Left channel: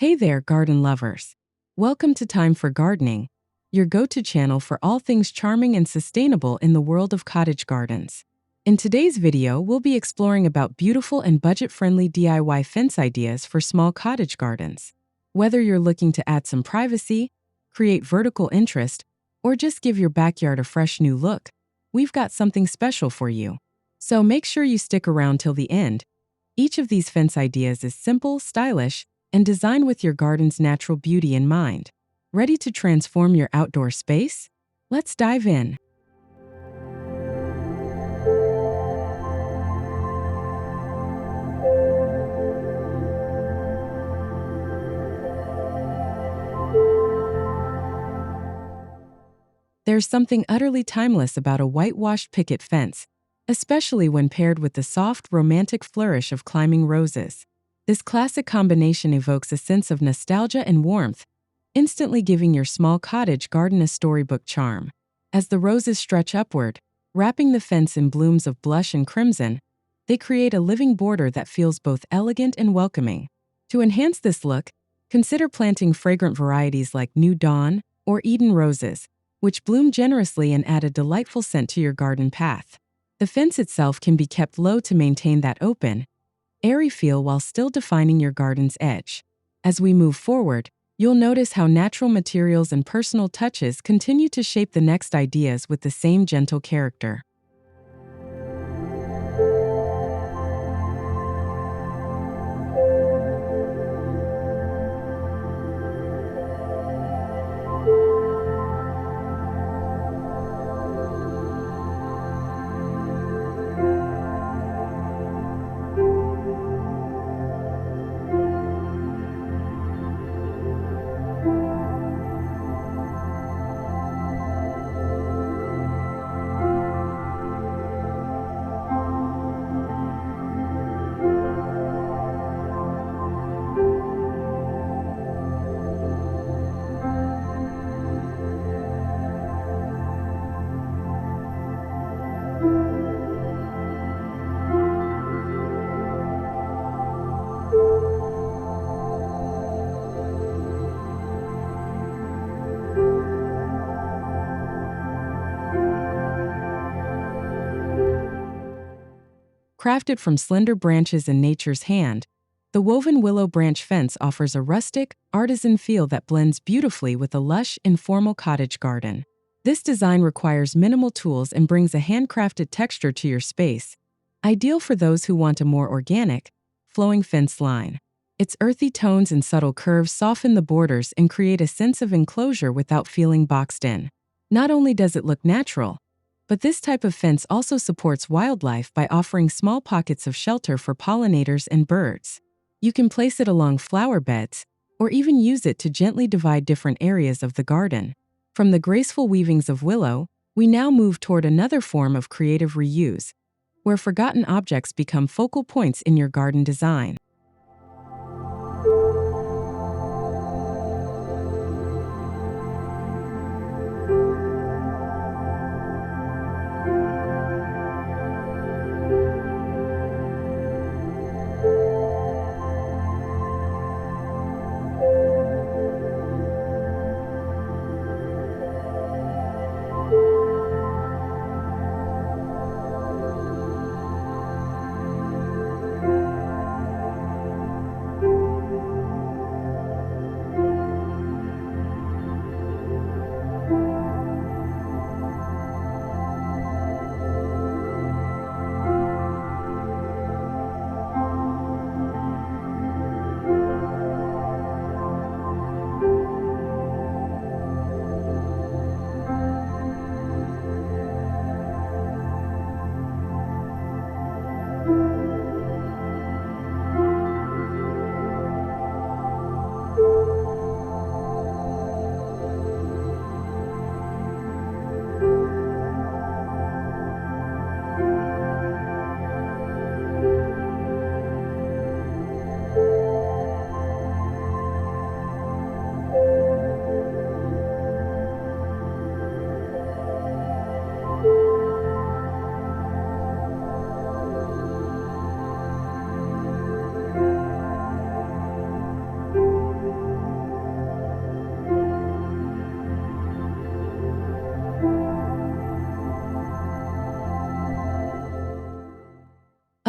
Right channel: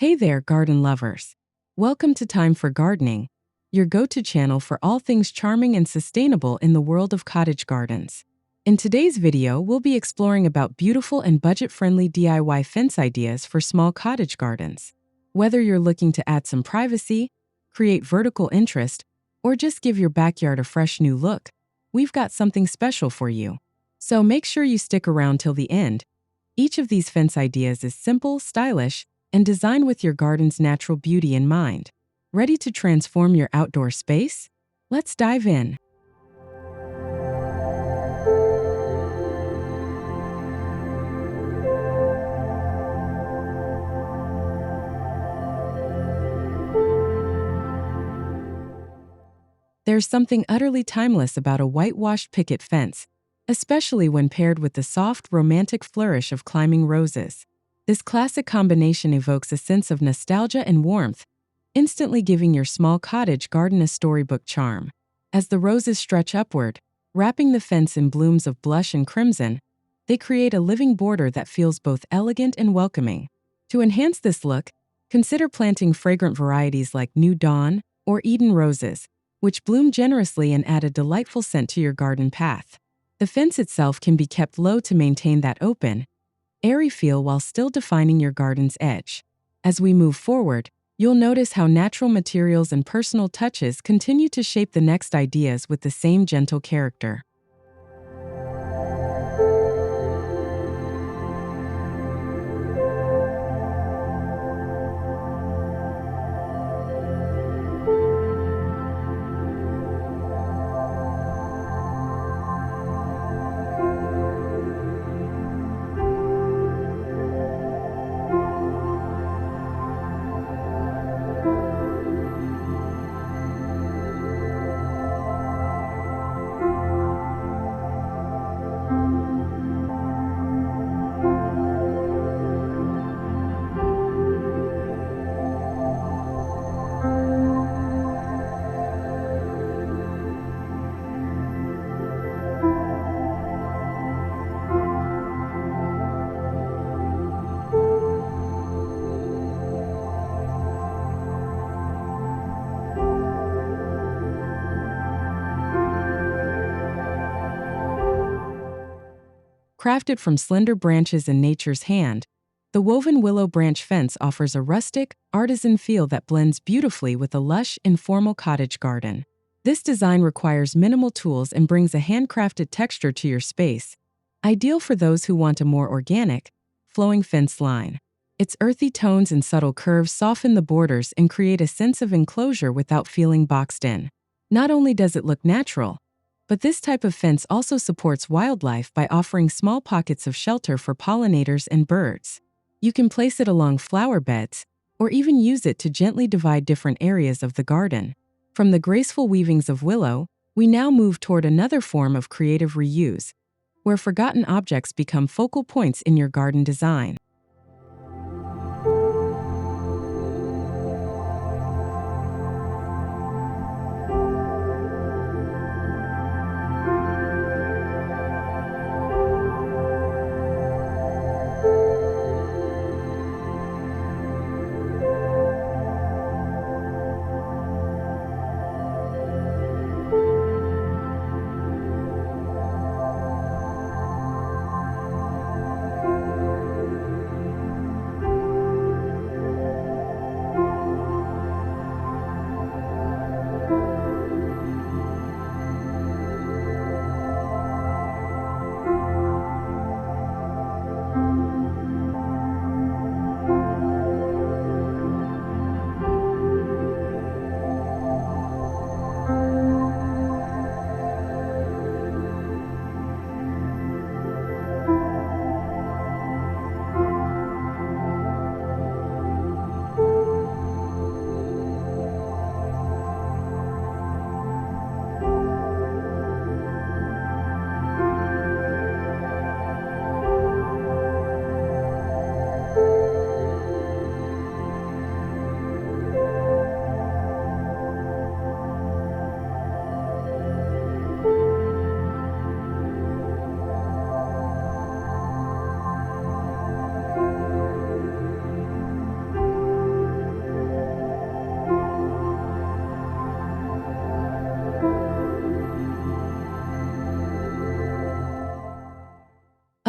Hey there, garden lovers. Welcome to Time for Gardening, your go-to channel for all things charming and sustainable in the world of cottage gardens. In today's video, we'll be exploring about beautiful and budget-friendly DIY fence ideas for small cottage gardens. Whether you're looking to add some privacy, create vertical interest, or just give your backyard a fresh new look, we've got something special for you. So make sure you stick around till the end. Each of these fence ideas is simple, stylish, and designed with your garden's natural beauty in mind. Ready to transform your outdoor space? Let's dive in. There's something utterly timeless about a whitewashed picket fence, especially when paired with the soft, romantic flourish of climbing roses. This classic combination evokes a sense of nostalgia and warmth, instantly giving your small cottage garden a storybook charm. As the roses stretch upward, wrapping the fence in blooms of blush and crimson, they create a living border that feels both elegant and welcoming. To enhance this look, consider planting fragrant varieties like New Dawn or Eden roses, which bloom generously and add a delightful scent to your garden path. The fence itself can be kept low to maintain that open, airy feel while still defining your garden's edge. As we move forward, you'll notice how natural materials and personal touches continue to shape the next ideas with the same gentle character. Crafted from slender branches in nature's hand, the woven willow branch fence offers a rustic, artisan feel that blends beautifully with a lush, informal cottage garden. This design requires minimal tools and brings a handcrafted texture to your space, ideal for those who want a more organic, flowing fence line. Its earthy tones and subtle curves soften the borders and create a sense of enclosure without feeling boxed in. Not only does it look natural, but this type of fence also supports wildlife by offering small pockets of shelter for pollinators and birds. You can place it along flower beds, or even use it to gently divide different areas of the garden. From the graceful weavings of willow, we now move toward another form of creative reuse, where forgotten objects become focal points in your garden design.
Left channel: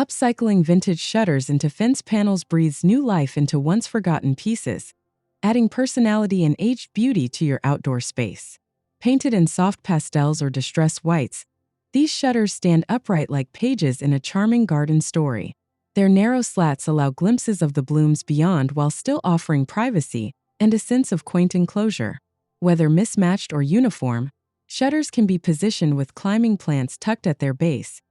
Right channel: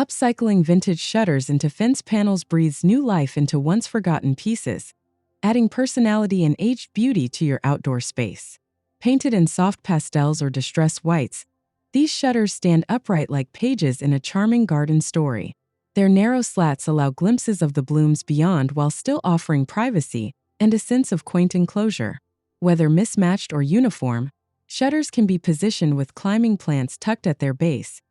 Upcycling vintage shutters into fence panels breathes new life into once forgotten pieces, adding personality and aged beauty to your outdoor space. Painted in soft pastels or distressed whites, these shutters stand upright like pages in a charming garden story. Their narrow slats allow glimpses of the blooms beyond while still offering privacy and a sense of quaint enclosure. Whether mismatched or uniform, shutters can be positioned with climbing plants tucked at their base.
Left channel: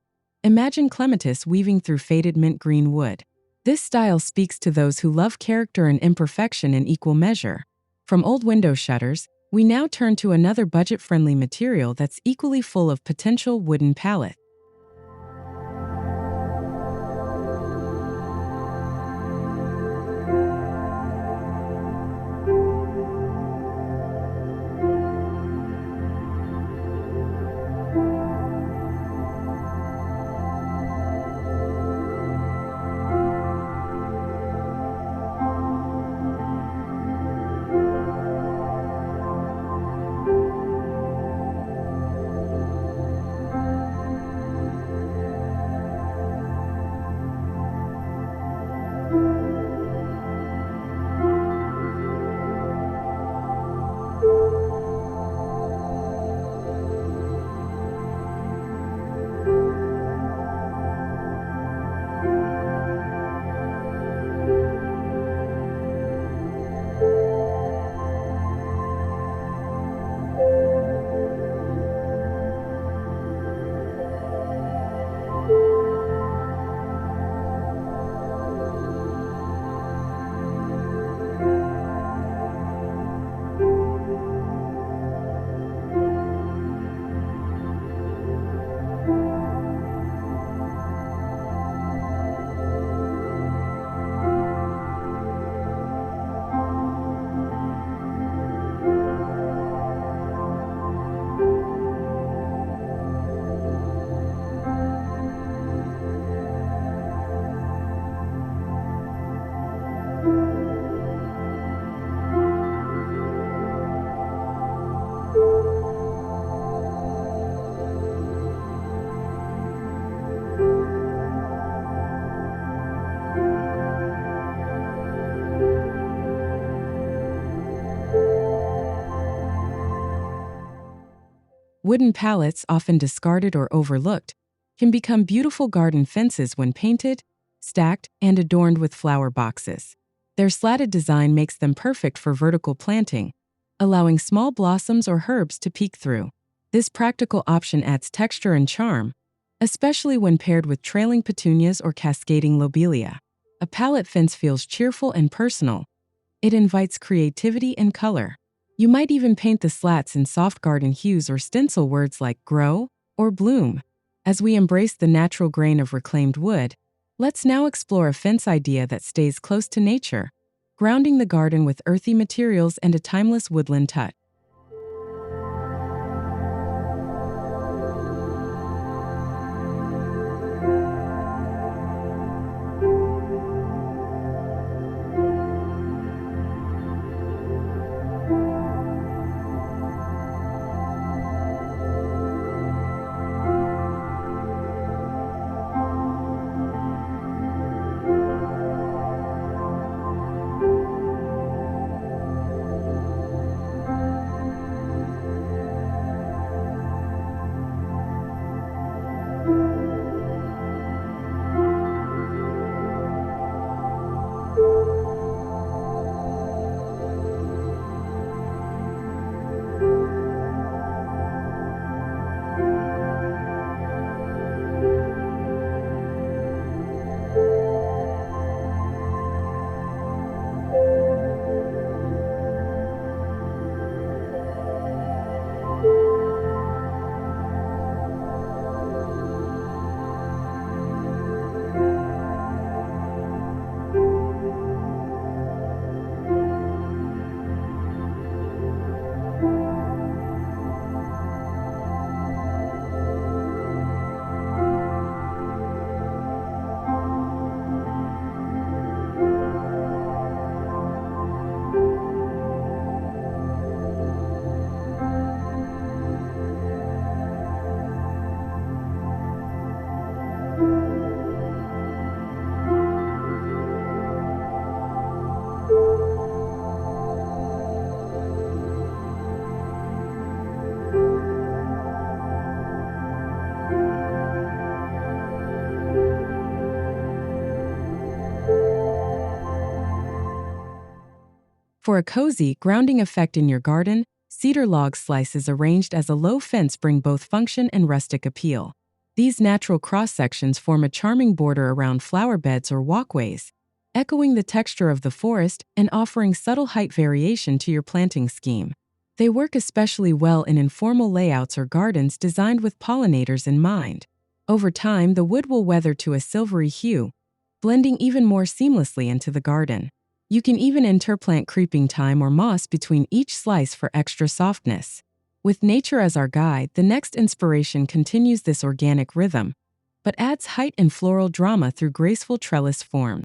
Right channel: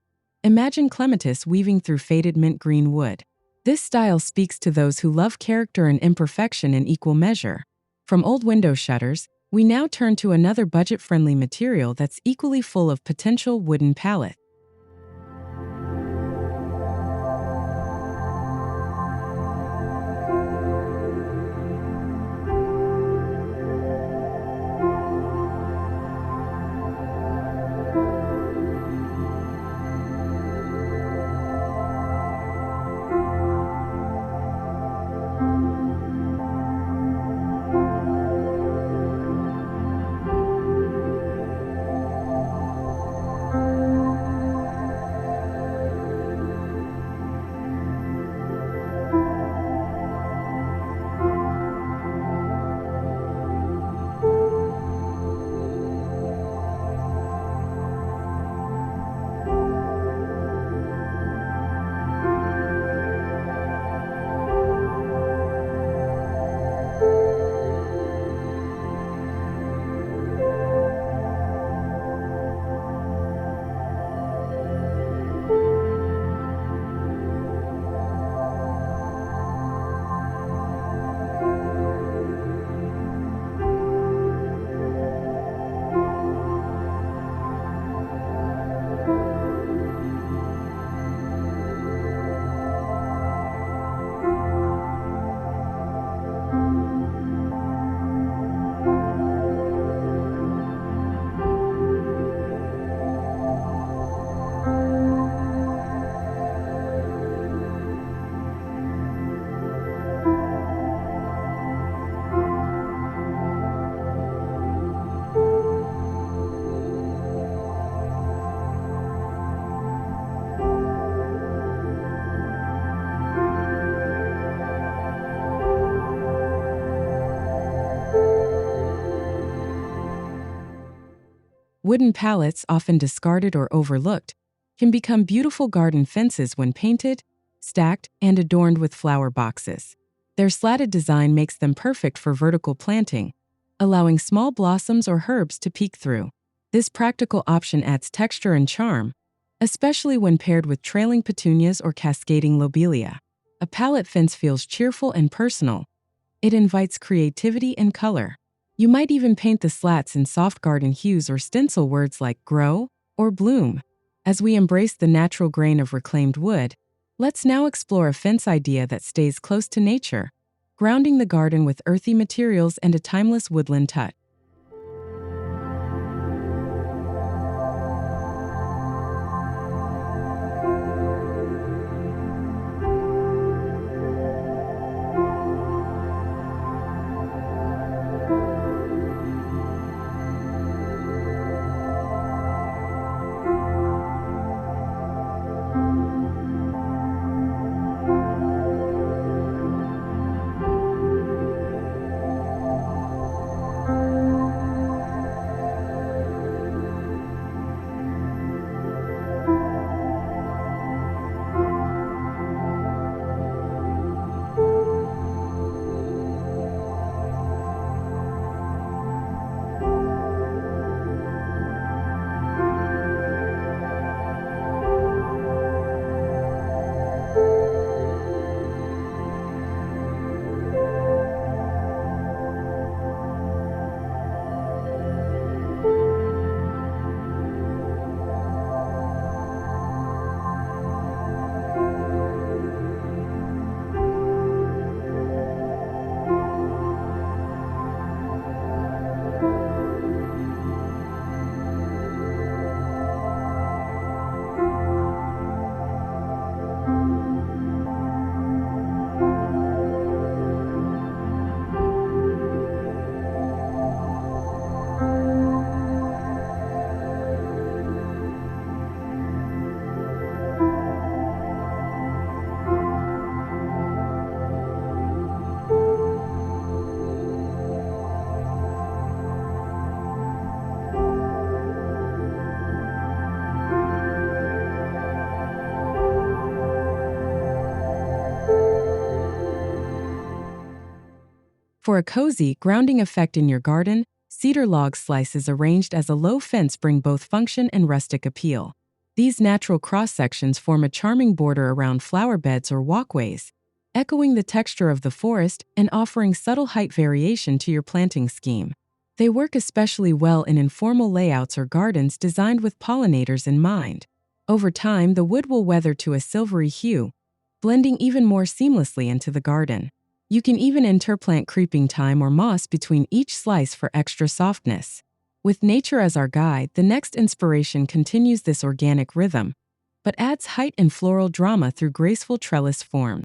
Imagine Clematis weaving through faded mint green wood. This style speaks to those who love character and imperfection in equal measure. From old window shutters, we now turn to another budget-friendly material that's equally full of potential: wooden pallet. Wooden pallets, often discarded or overlooked, can become beautiful garden fences when painted, stacked, and adorned with flower boxes. Their slatted design makes them perfect for vertical planting, allowing small blossoms or herbs to peek through. This practical option adds texture and charm, especially when paired with trailing petunias or cascading lobelia. A pallet fence feels cheerful and personal. It invites creativity and color. You might even paint the slats in soft garden hues or stencil words like grow or bloom. As we embrace the natural grain of reclaimed wood, let's now explore a fence idea that stays close to nature, grounding the garden with earthy materials and a timeless woodland touch. For a cozy, grounding effect in your garden, cedar log slices arranged as a low fence bring both function and rustic appeal. These natural cross-sections form a charming border around flower beds or walkways, echoing the texture of the forest and offering subtle height variation to your planting scheme. They work especially well in informal layouts or gardens designed with pollinators in mind. Over time, the wood will weather to a silvery hue, blending even more seamlessly into the garden. You can even interplant creeping thyme or moss between each slice for extra softness. With nature as our guide, the next inspiration continues this organic rhythm, but adds height and floral drama through graceful trellis forms.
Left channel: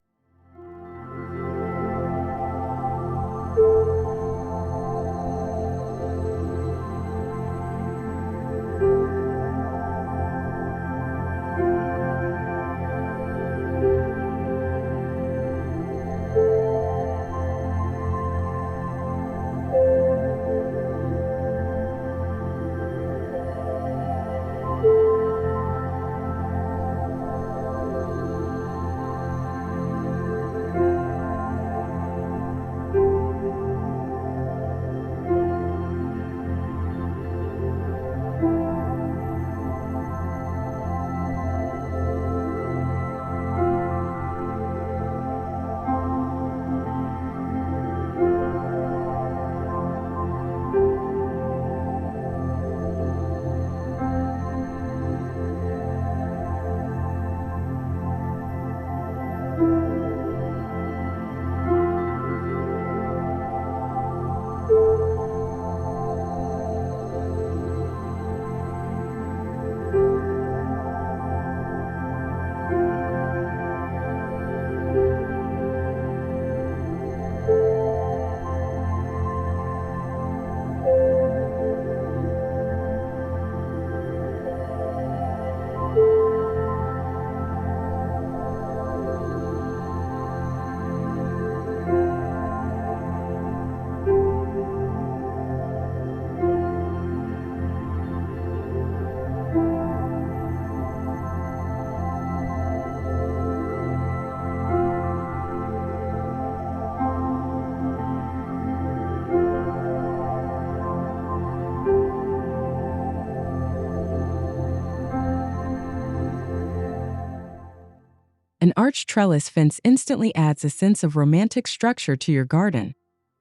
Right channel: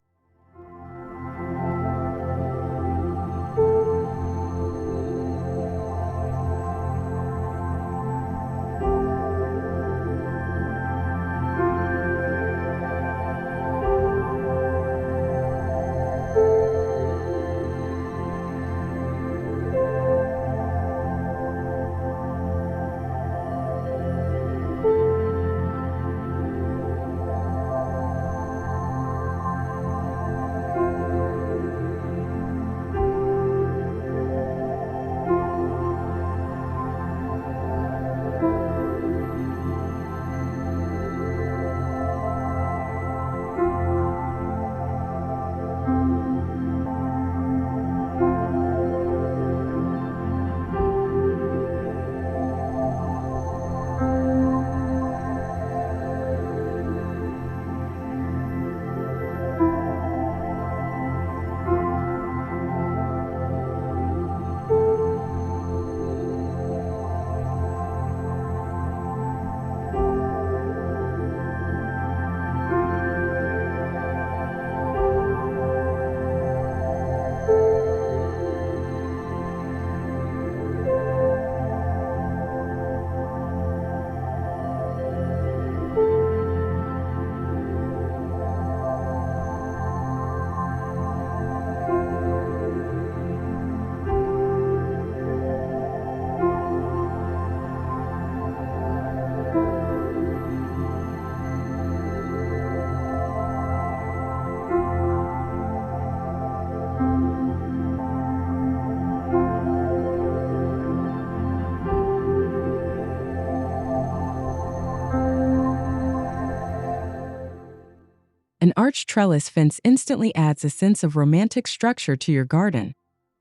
An arched trellis fence instantly adds a sense of romantic structure to your garden,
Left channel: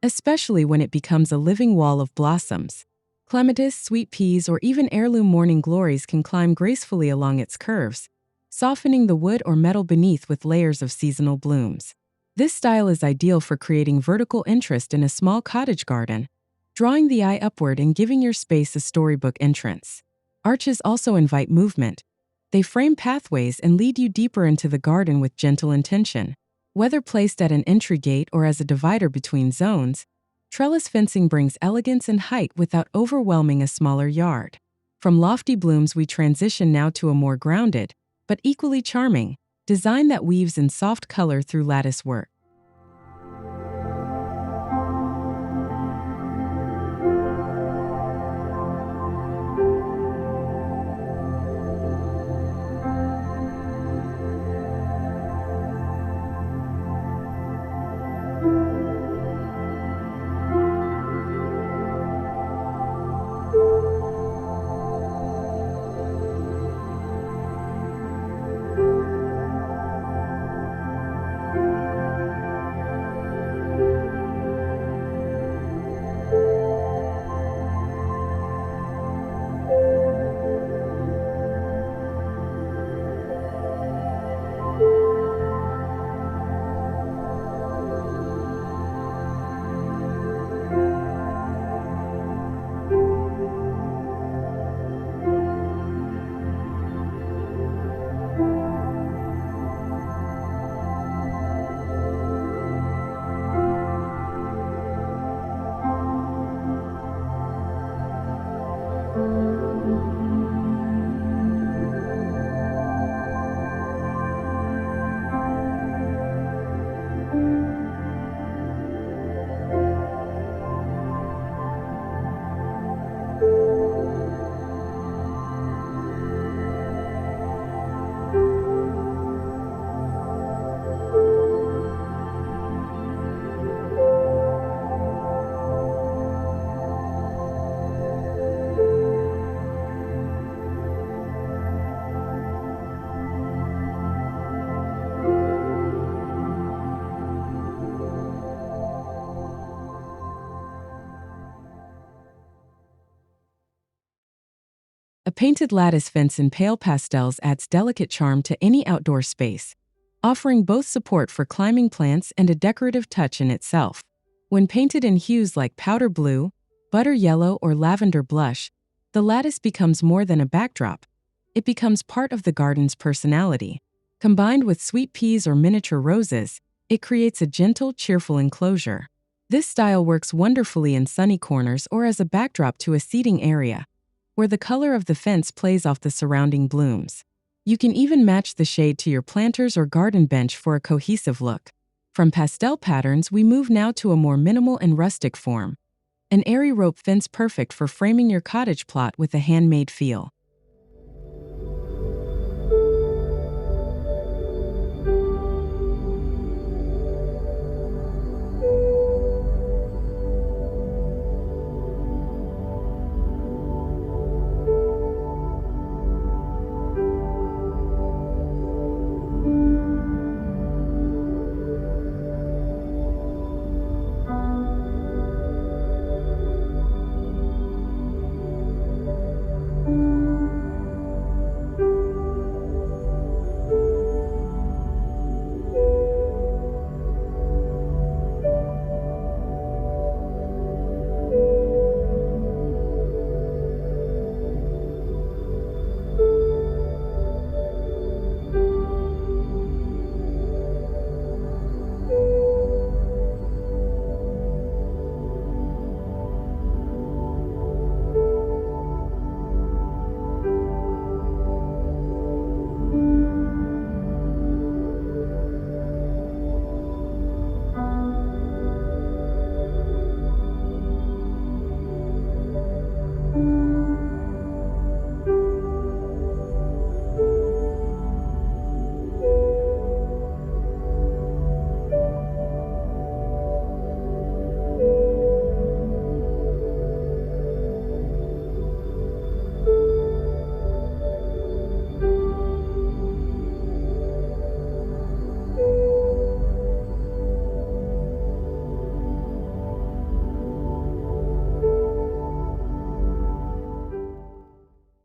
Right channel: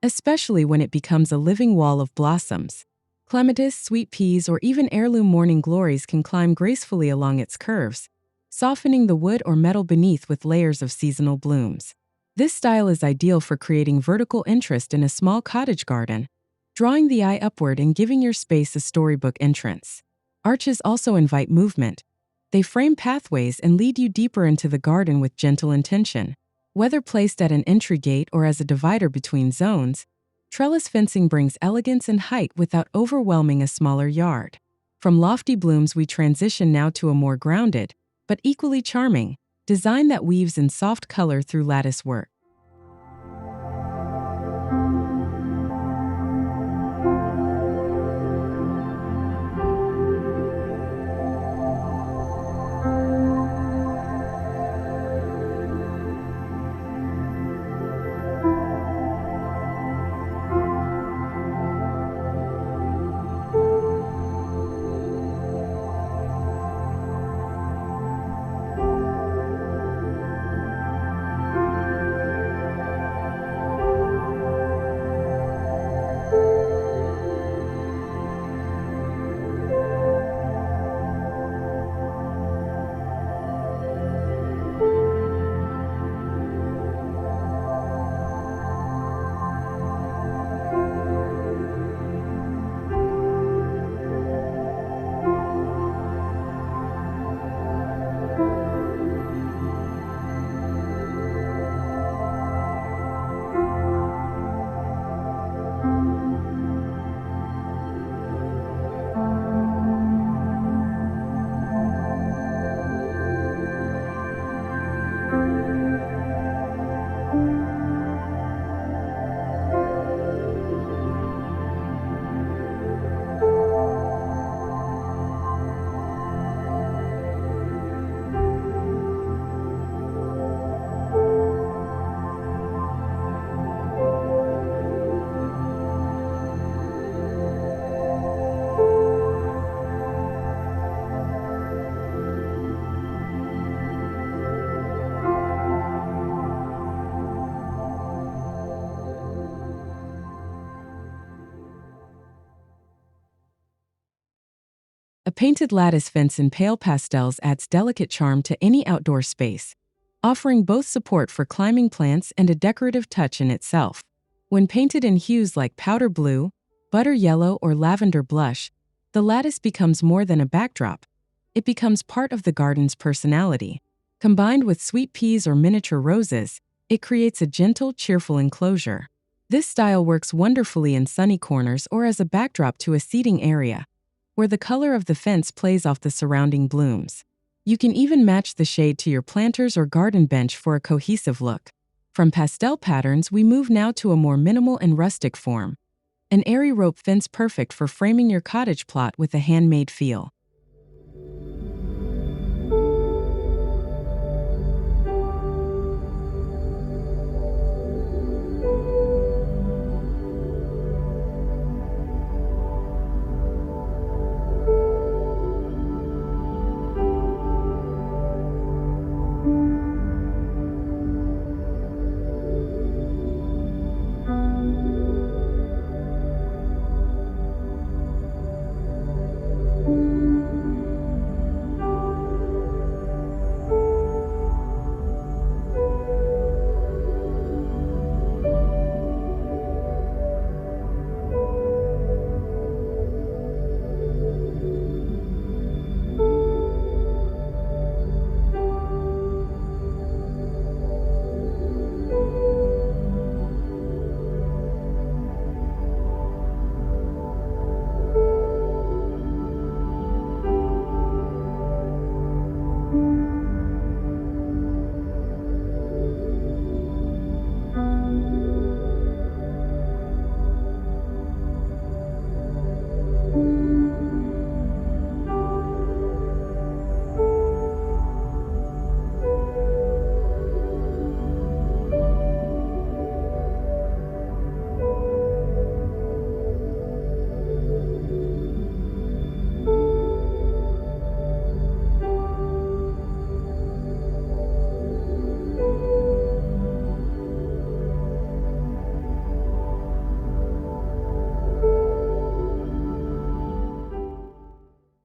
especially when it becomes a living wall of blossoms. Clematis, sweet peas, or even heirloom morning glories can climb gracefully along its curves, softening the wood or metal beneath with layers of seasonal blooms. This style is ideal for creating vertical interest in a small cottage garden, drawing the eye upward and giving your space a storybook entrance. Arches also invite movement. They frame pathways and lead you deeper into the garden with gentle intention. Whether placed at an entry gate or as a divider between zones, trellis fencing brings elegance and height without overwhelming a smaller yard. From lofty blooms, we transition now to a more grounded, but equally charming, design that weaves in soft color through lattice work. A painted lattice fence in pale pastels adds delicate charm to any outdoor space, offering both support for climbing plants and a decorative touch in itself. When painted in hues like powder blue, butter yellow, or lavender blush, the lattice becomes more than a backdrop. It becomes part of the garden's personality. Combined with sweet peas or miniature roses, it creates a gentle, cheerful enclosure. This style works wonderfully in sunny corners or as a backdrop to a seating area, where the color of the fence plays off the surrounding blooms. You can even match the shade to your planters or garden bench for a cohesive look. From pastel patterns, we move now to a more minimal and rustic form. An airy rope fence perfect for framing your cottage plot with a handmade feel.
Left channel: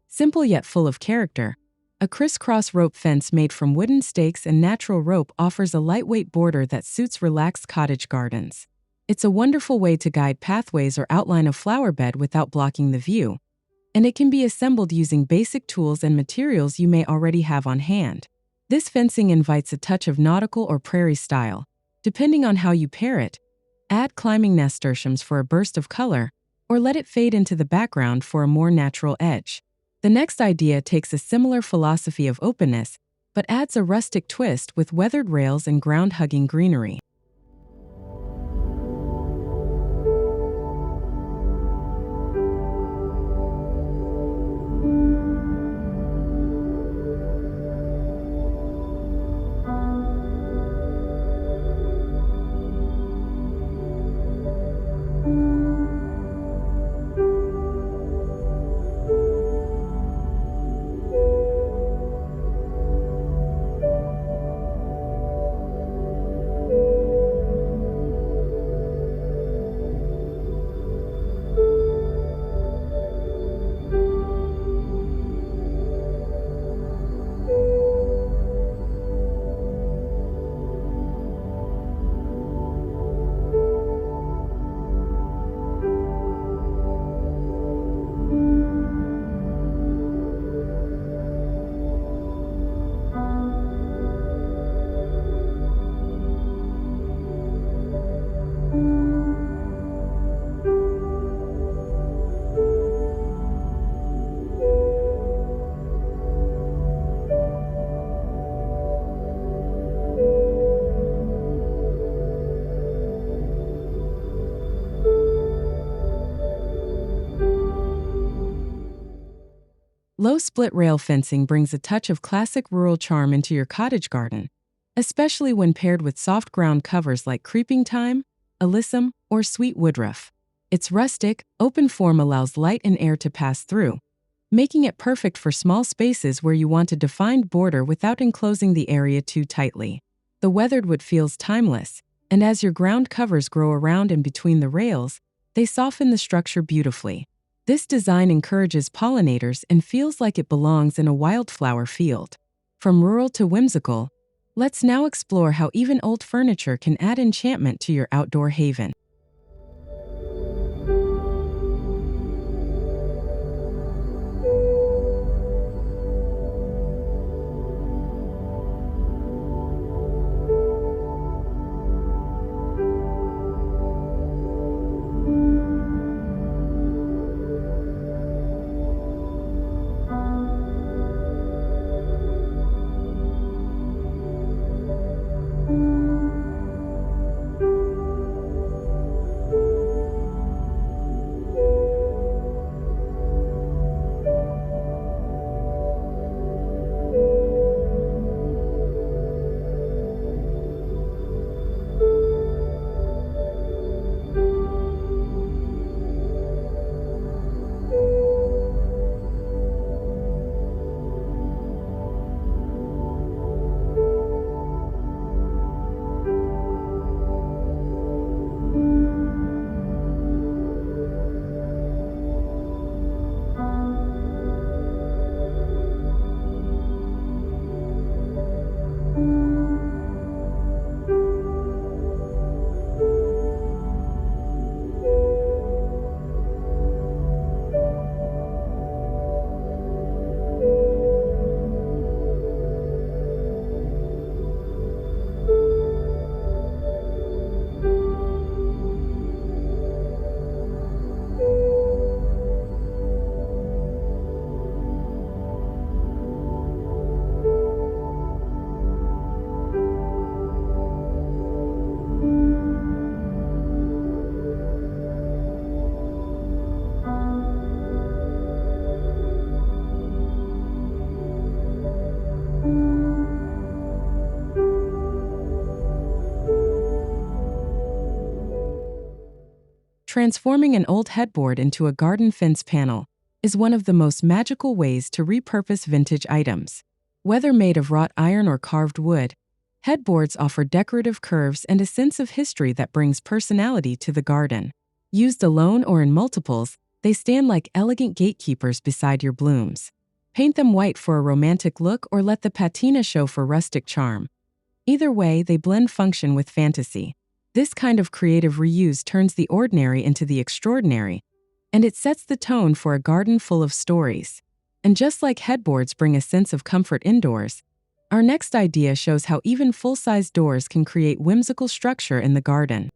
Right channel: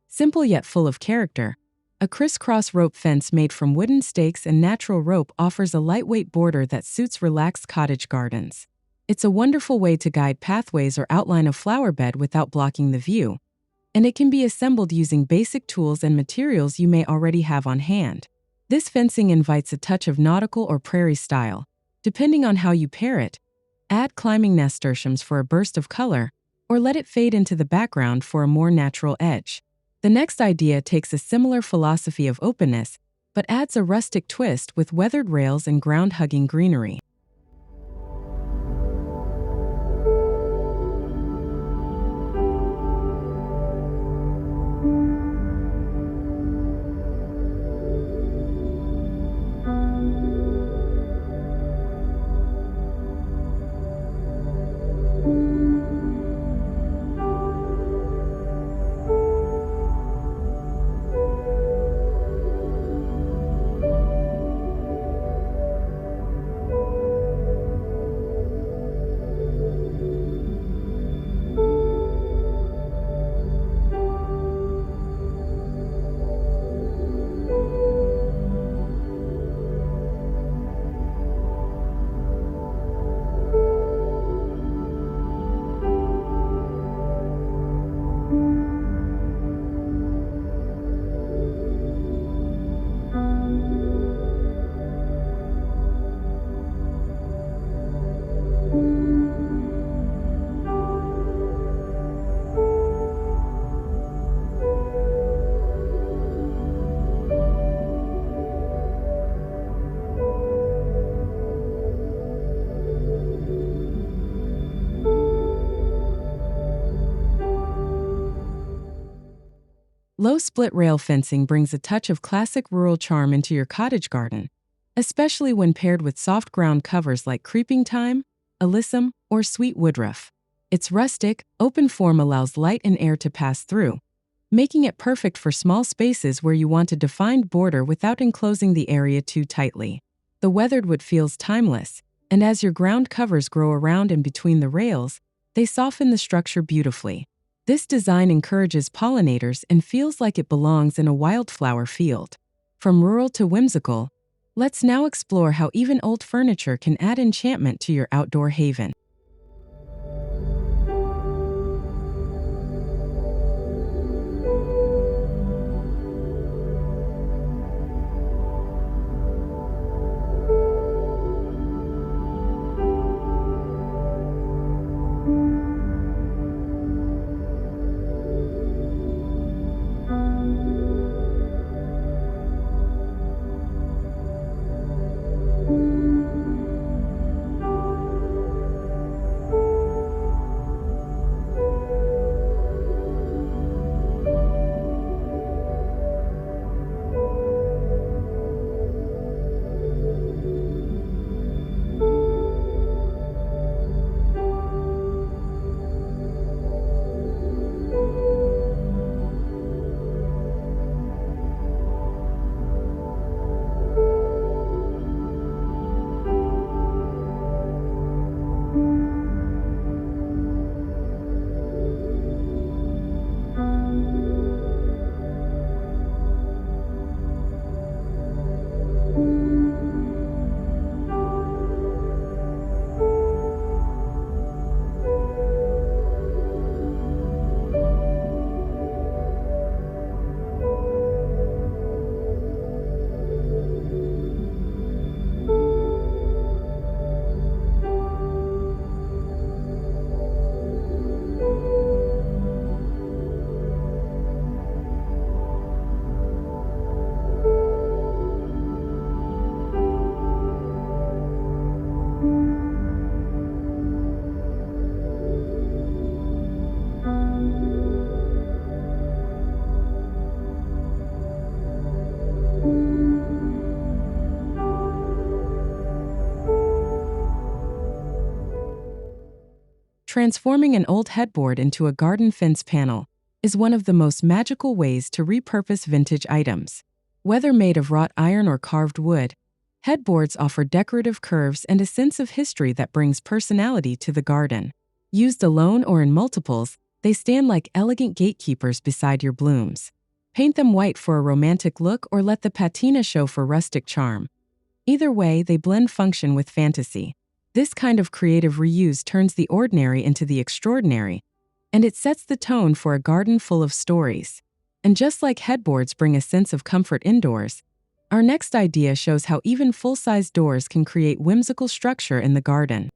Simple yet full of character, a criss-cross rope fence made from wooden stakes and natural rope offers a lightweight border that suits relaxed cottage gardens. It's a wonderful way to guide pathways or outline a flower bed without blocking the view, and it can be assembled using basic tools and materials you may already have on hand. This fencing invites a touch of nautical or prairie style. Depending on how you pair it, add climbing nasturtiums for a burst of color, or let it fade into the background for a more natural edge. The next idea takes a similar philosophy of openness, but adds a rustic twist with weathered rails and ground-hugging greenery. Low split rail fencing brings a touch of classic rural charm into your cottage garden, especially when paired with soft ground covers like creeping thyme, alyssum, or sweet woodruff. Its rustic, open form allows light and air to pass through, making it perfect for small spaces where you want a defined border without enclosing the area too tightly. The weathered wood feels timeless, and as your ground covers grow around and between the rails, they soften the structure beautifully. This design encourages pollinators and feels like it belongs in a wildflower field. From rural to whimsical, let's now explore how even old furniture can add enchantment to your outdoor haven. Transforming an old headboard into a garden fence panel is one of the most magical ways to repurpose vintage items. Whether made of wrought iron or carved wood, headboards offer decorative curves and a sense of history that brings personality to the garden. Used alone or in multiples, they stand like elegant gatekeepers beside your blooms. Paint them white for a romantic look or let the patina show for rustic charm. Either way, they blend function with fantasy. This kind of creative reuse turns the ordinary into the extraordinary, and it sets the tone for a garden full of stories. And just like headboards bring a sense of comfort indoors, our next idea shows how even full-size doors can create whimsical structure in the garden.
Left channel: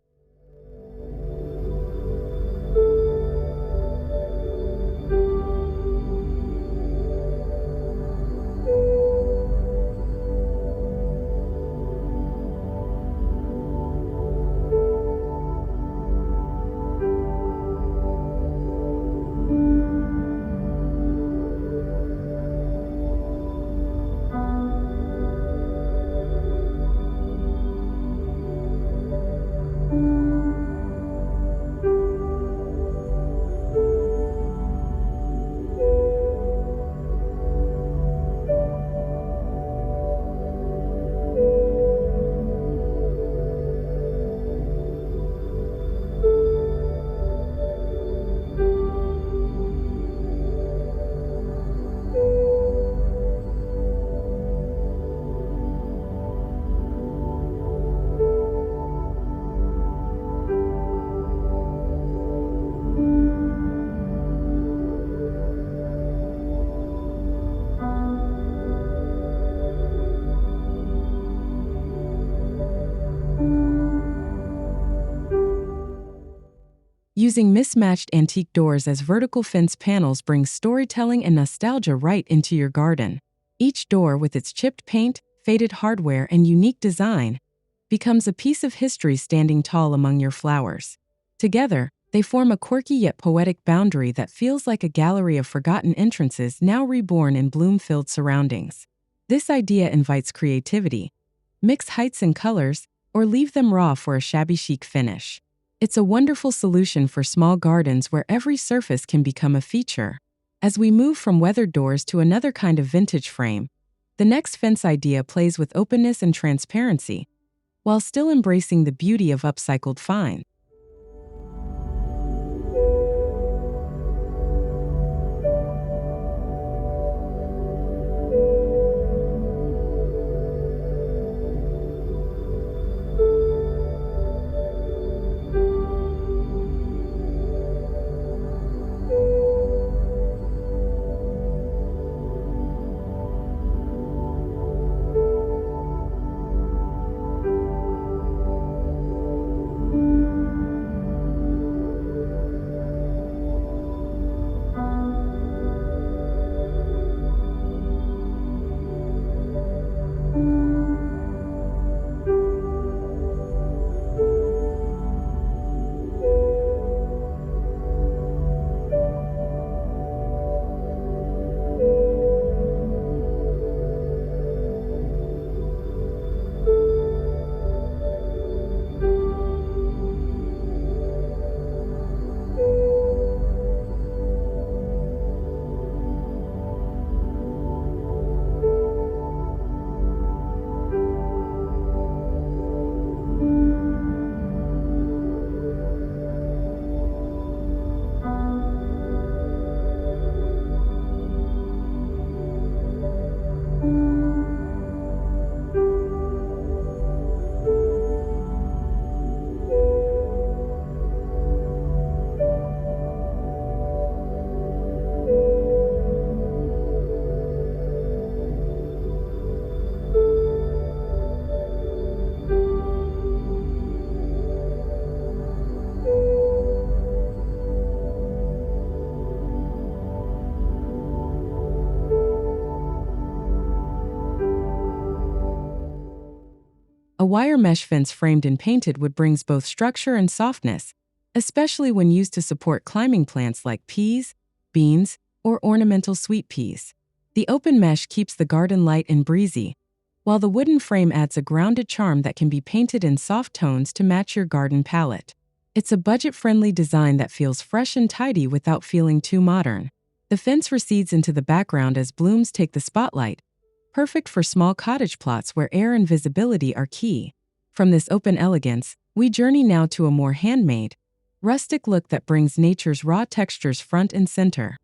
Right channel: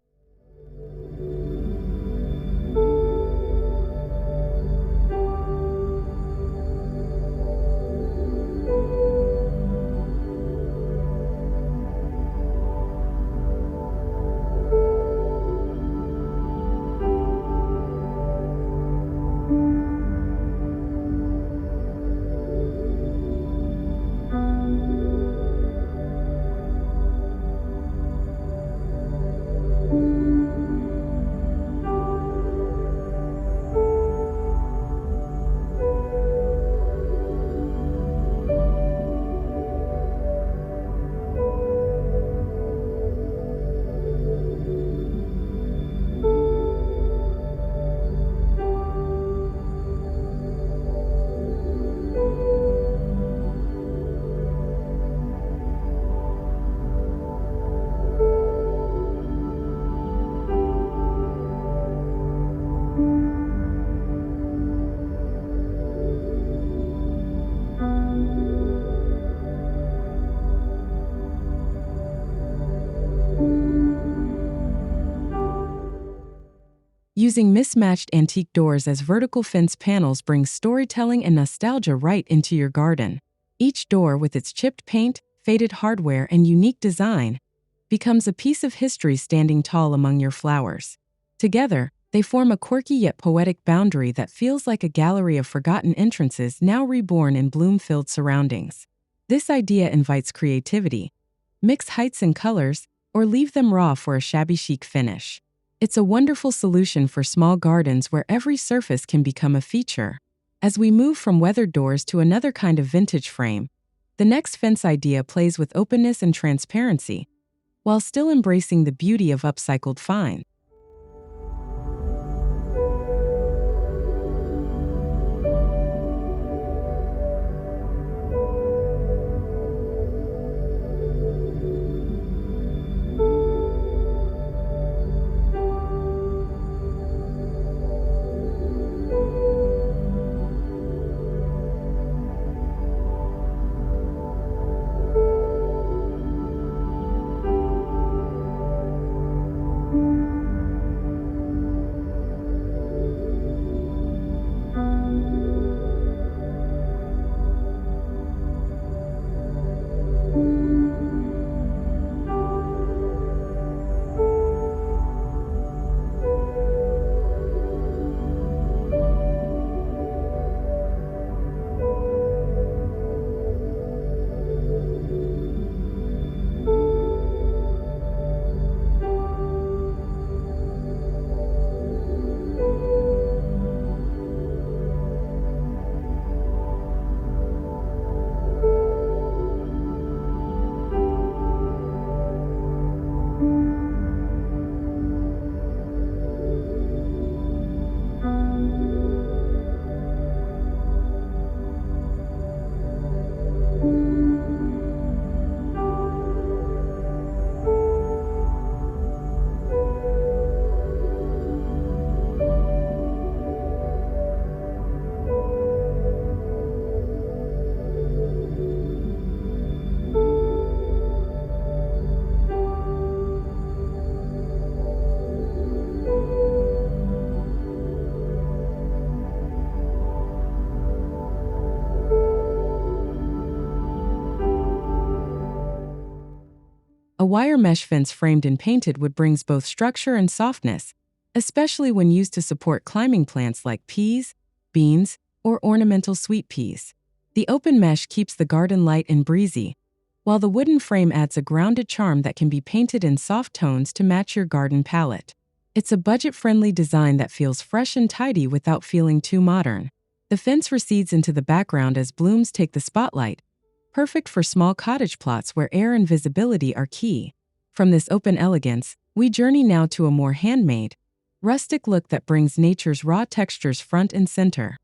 Using mismatched antique doors as vertical fence panels brings storytelling and nostalgia right into your garden. Each door, with its chipped paint, faded hardware, and unique design, becomes a piece of history standing tall among your flowers. Together, they form a quirky yet poetic boundary that feels like a gallery of forgotten entrances now reborn in bloom-filled surroundings. This idea invites creativity. Mix heights and colors, or leave them raw for a shabby chic finish. It's a wonderful solution for small gardens where every surface can become a feature. As we move from weathered doors to another kind of vintage frame, the next fence idea plays with openness and transparency, while still embracing the beauty of upcycled finds. A wire mesh fence framed and painted wood brings both structure and softness, especially when used to support climbing plants like peas, beans, or ornamental sweet peas. The open mesh keeps the garden light and breezy, while the wooden frame adds a grounded charm that can be painted in soft tones to match your garden palette. It's a budget-friendly design that feels fresh and tidy without feeling too modern. The fence recedes into the background as blooms take the spotlight, perfect for small cottage plots where air and visibility are key. From this open elegance, we journey now to a more handmade, rustic look that brings nature's raw textures front and center.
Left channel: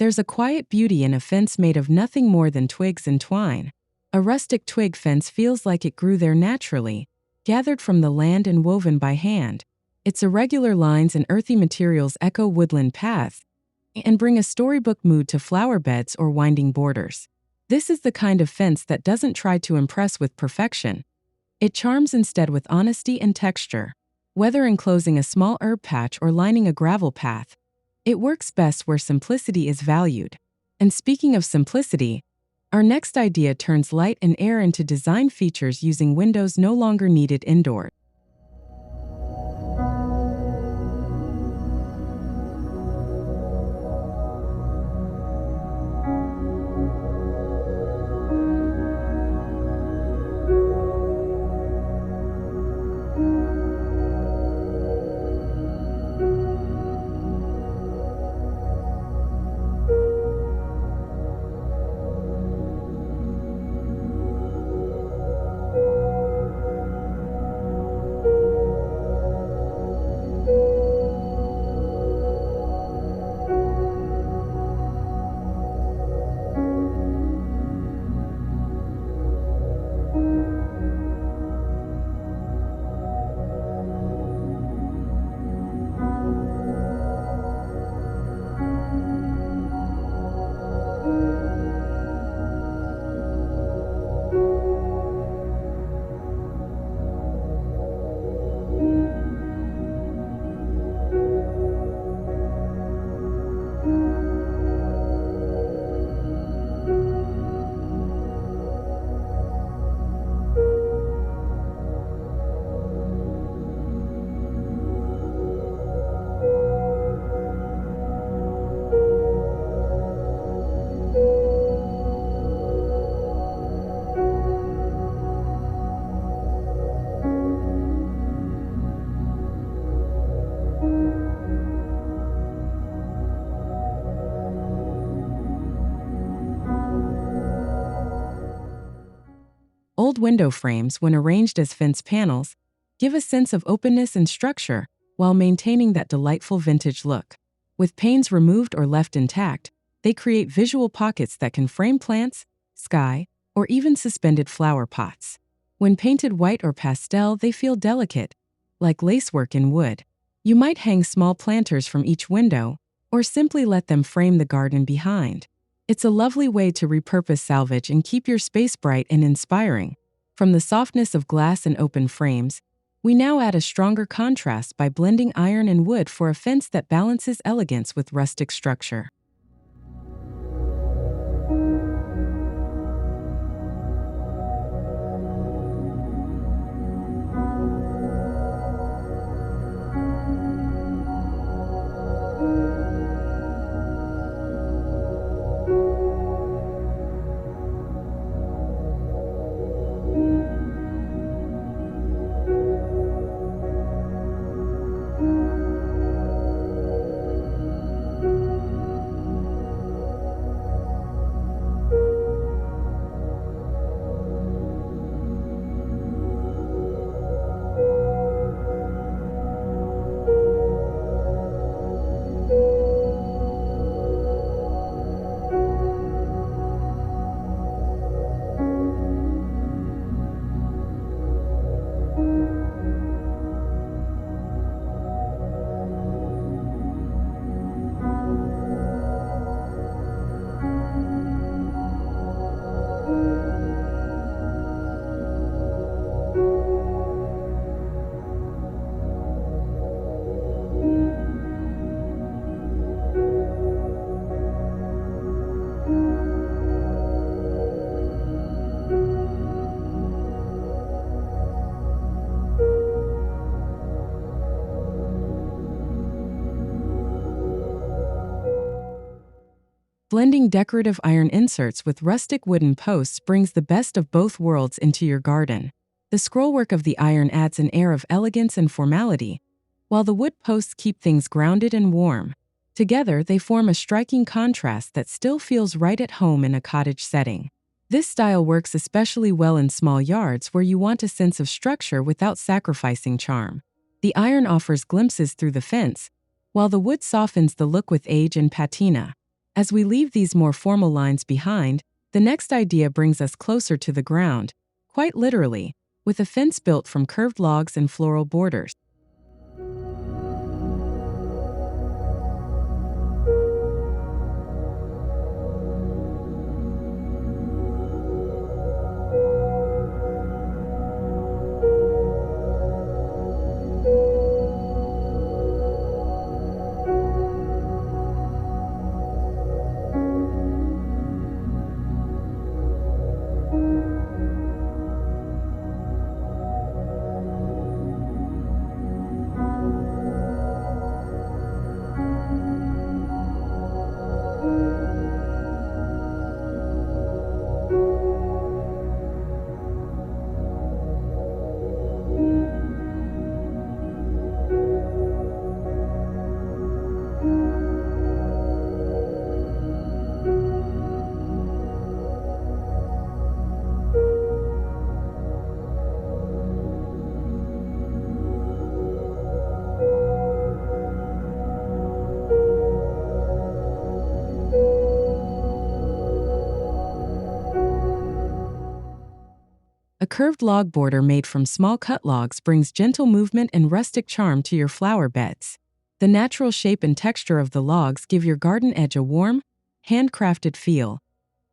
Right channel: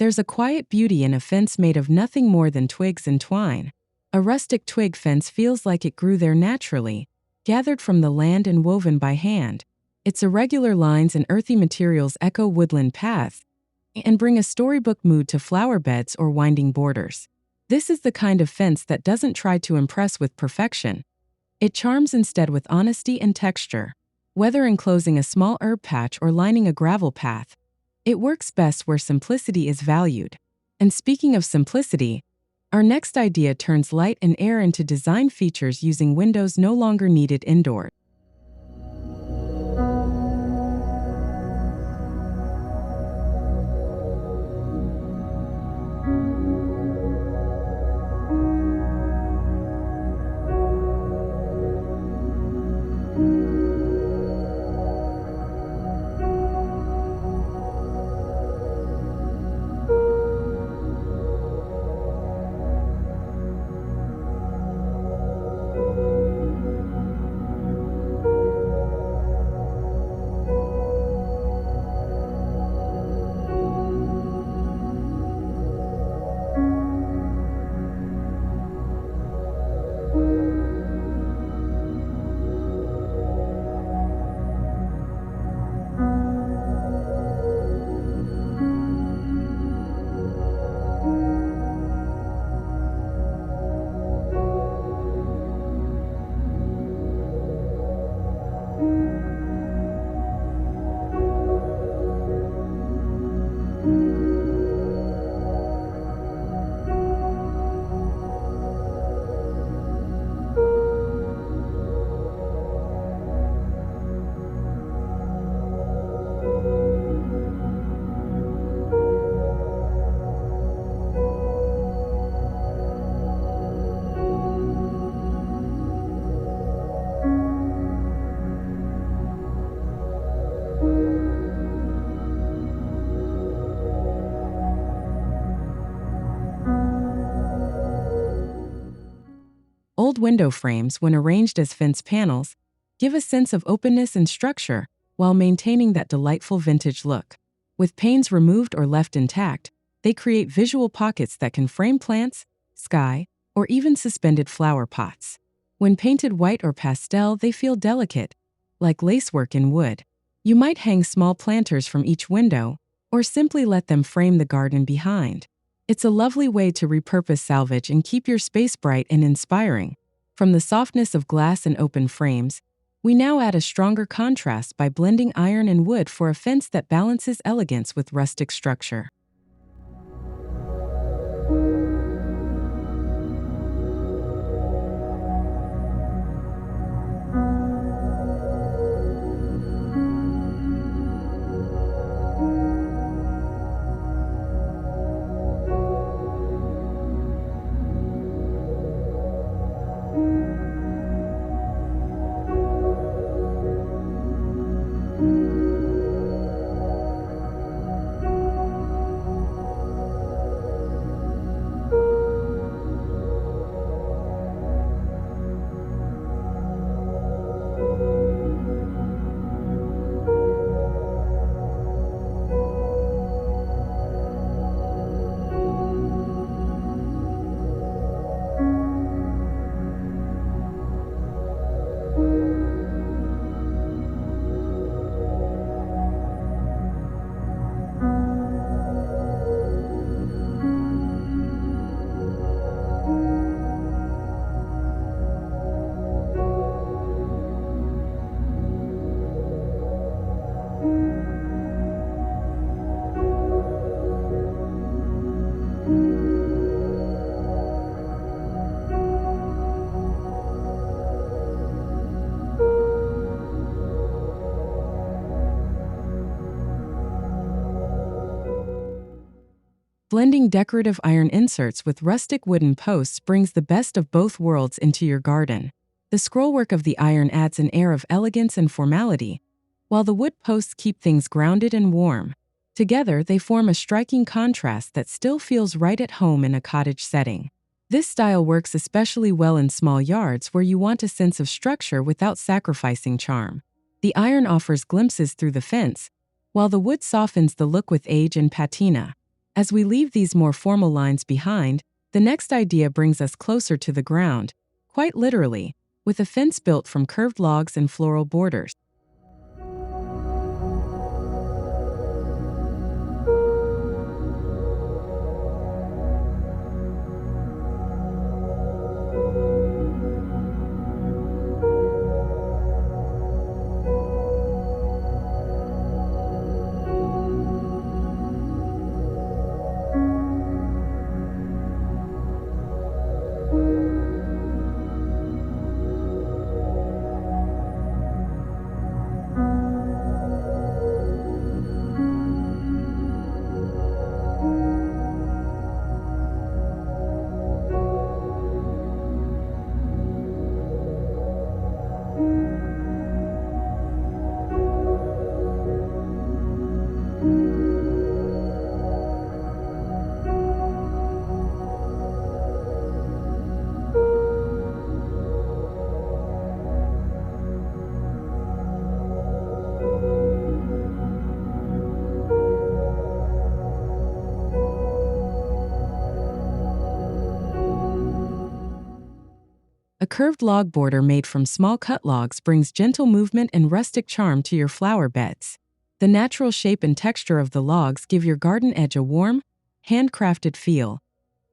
There's a quiet beauty in a fence made of nothing more than twigs and twine. A rustic twig fence feels like it grew there naturally, gathered from the land and woven by hand. Its irregular lines and earthy materials echo woodland paths and bring a storybook mood to flower beds or winding borders. This is the kind of fence that doesn't try to impress with perfection. It charms instead with honesty and texture. Whether enclosing a small herb patch or lining a gravel path, it works best where simplicity is valued. And speaking of simplicity, our next idea turns light and air into design features using windows no longer needed indoors. Old window frames, when arranged as fence panels, give a sense of openness and structure while maintaining that delightful vintage look. With panes removed or left intact, They create visual pockets that can frame plants, sky, or even suspended flower pots. When painted white or pastel, they feel delicate, like lacework in wood. You might hang small planters from each window, or simply let them frame the garden behind. It's a lovely way to repurpose salvage and keep your space bright and inspiring. From the softness of glass and open frames, we now add a stronger contrast by blending iron and wood for a fence that balances elegance with rustic structure. Blending decorative iron inserts with rustic wooden posts brings the best of both worlds into your garden. The scrollwork of the iron adds an air of elegance and formality, while the wood posts keep things grounded and warm. Together, they form a striking contrast that still feels right at home in a cottage setting. This style works especially well in small yards where you want a sense of structure without sacrificing charm. The iron offers glimpses through the fence, while the wood softens the look with age and patina. As we leave these more formal lines behind, the next idea brings us closer to the ground, quite literally, with a fence built from curved logs and floral borders. A curved log border made from small cut logs brings gentle movement and rustic charm to your flower beds. The natural shape and texture of the logs give your garden edge a warm, handcrafted feel,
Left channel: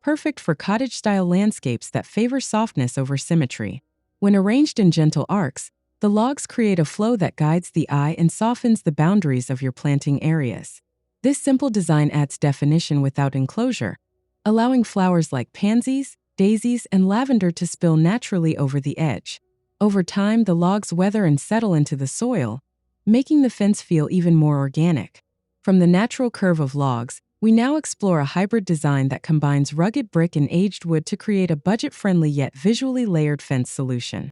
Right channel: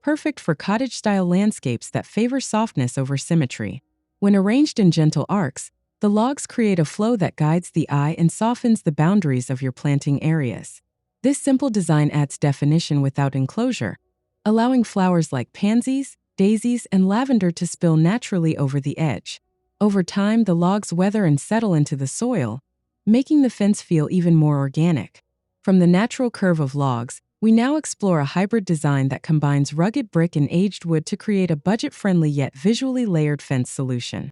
perfect for cottage-style landscapes that favor softness over symmetry. When arranged in gentle arcs, the logs create a flow that guides the eye and softens the boundaries of your planting areas. This simple design adds definition without enclosure, allowing flowers like pansies, daisies, and lavender to spill naturally over the edge. Over time, the logs weather and settle into the soil, making the fence feel even more organic. From the natural curve of logs, we now explore a hybrid design that combines rugged brick and aged wood to create a budget-friendly yet visually layered fence solution.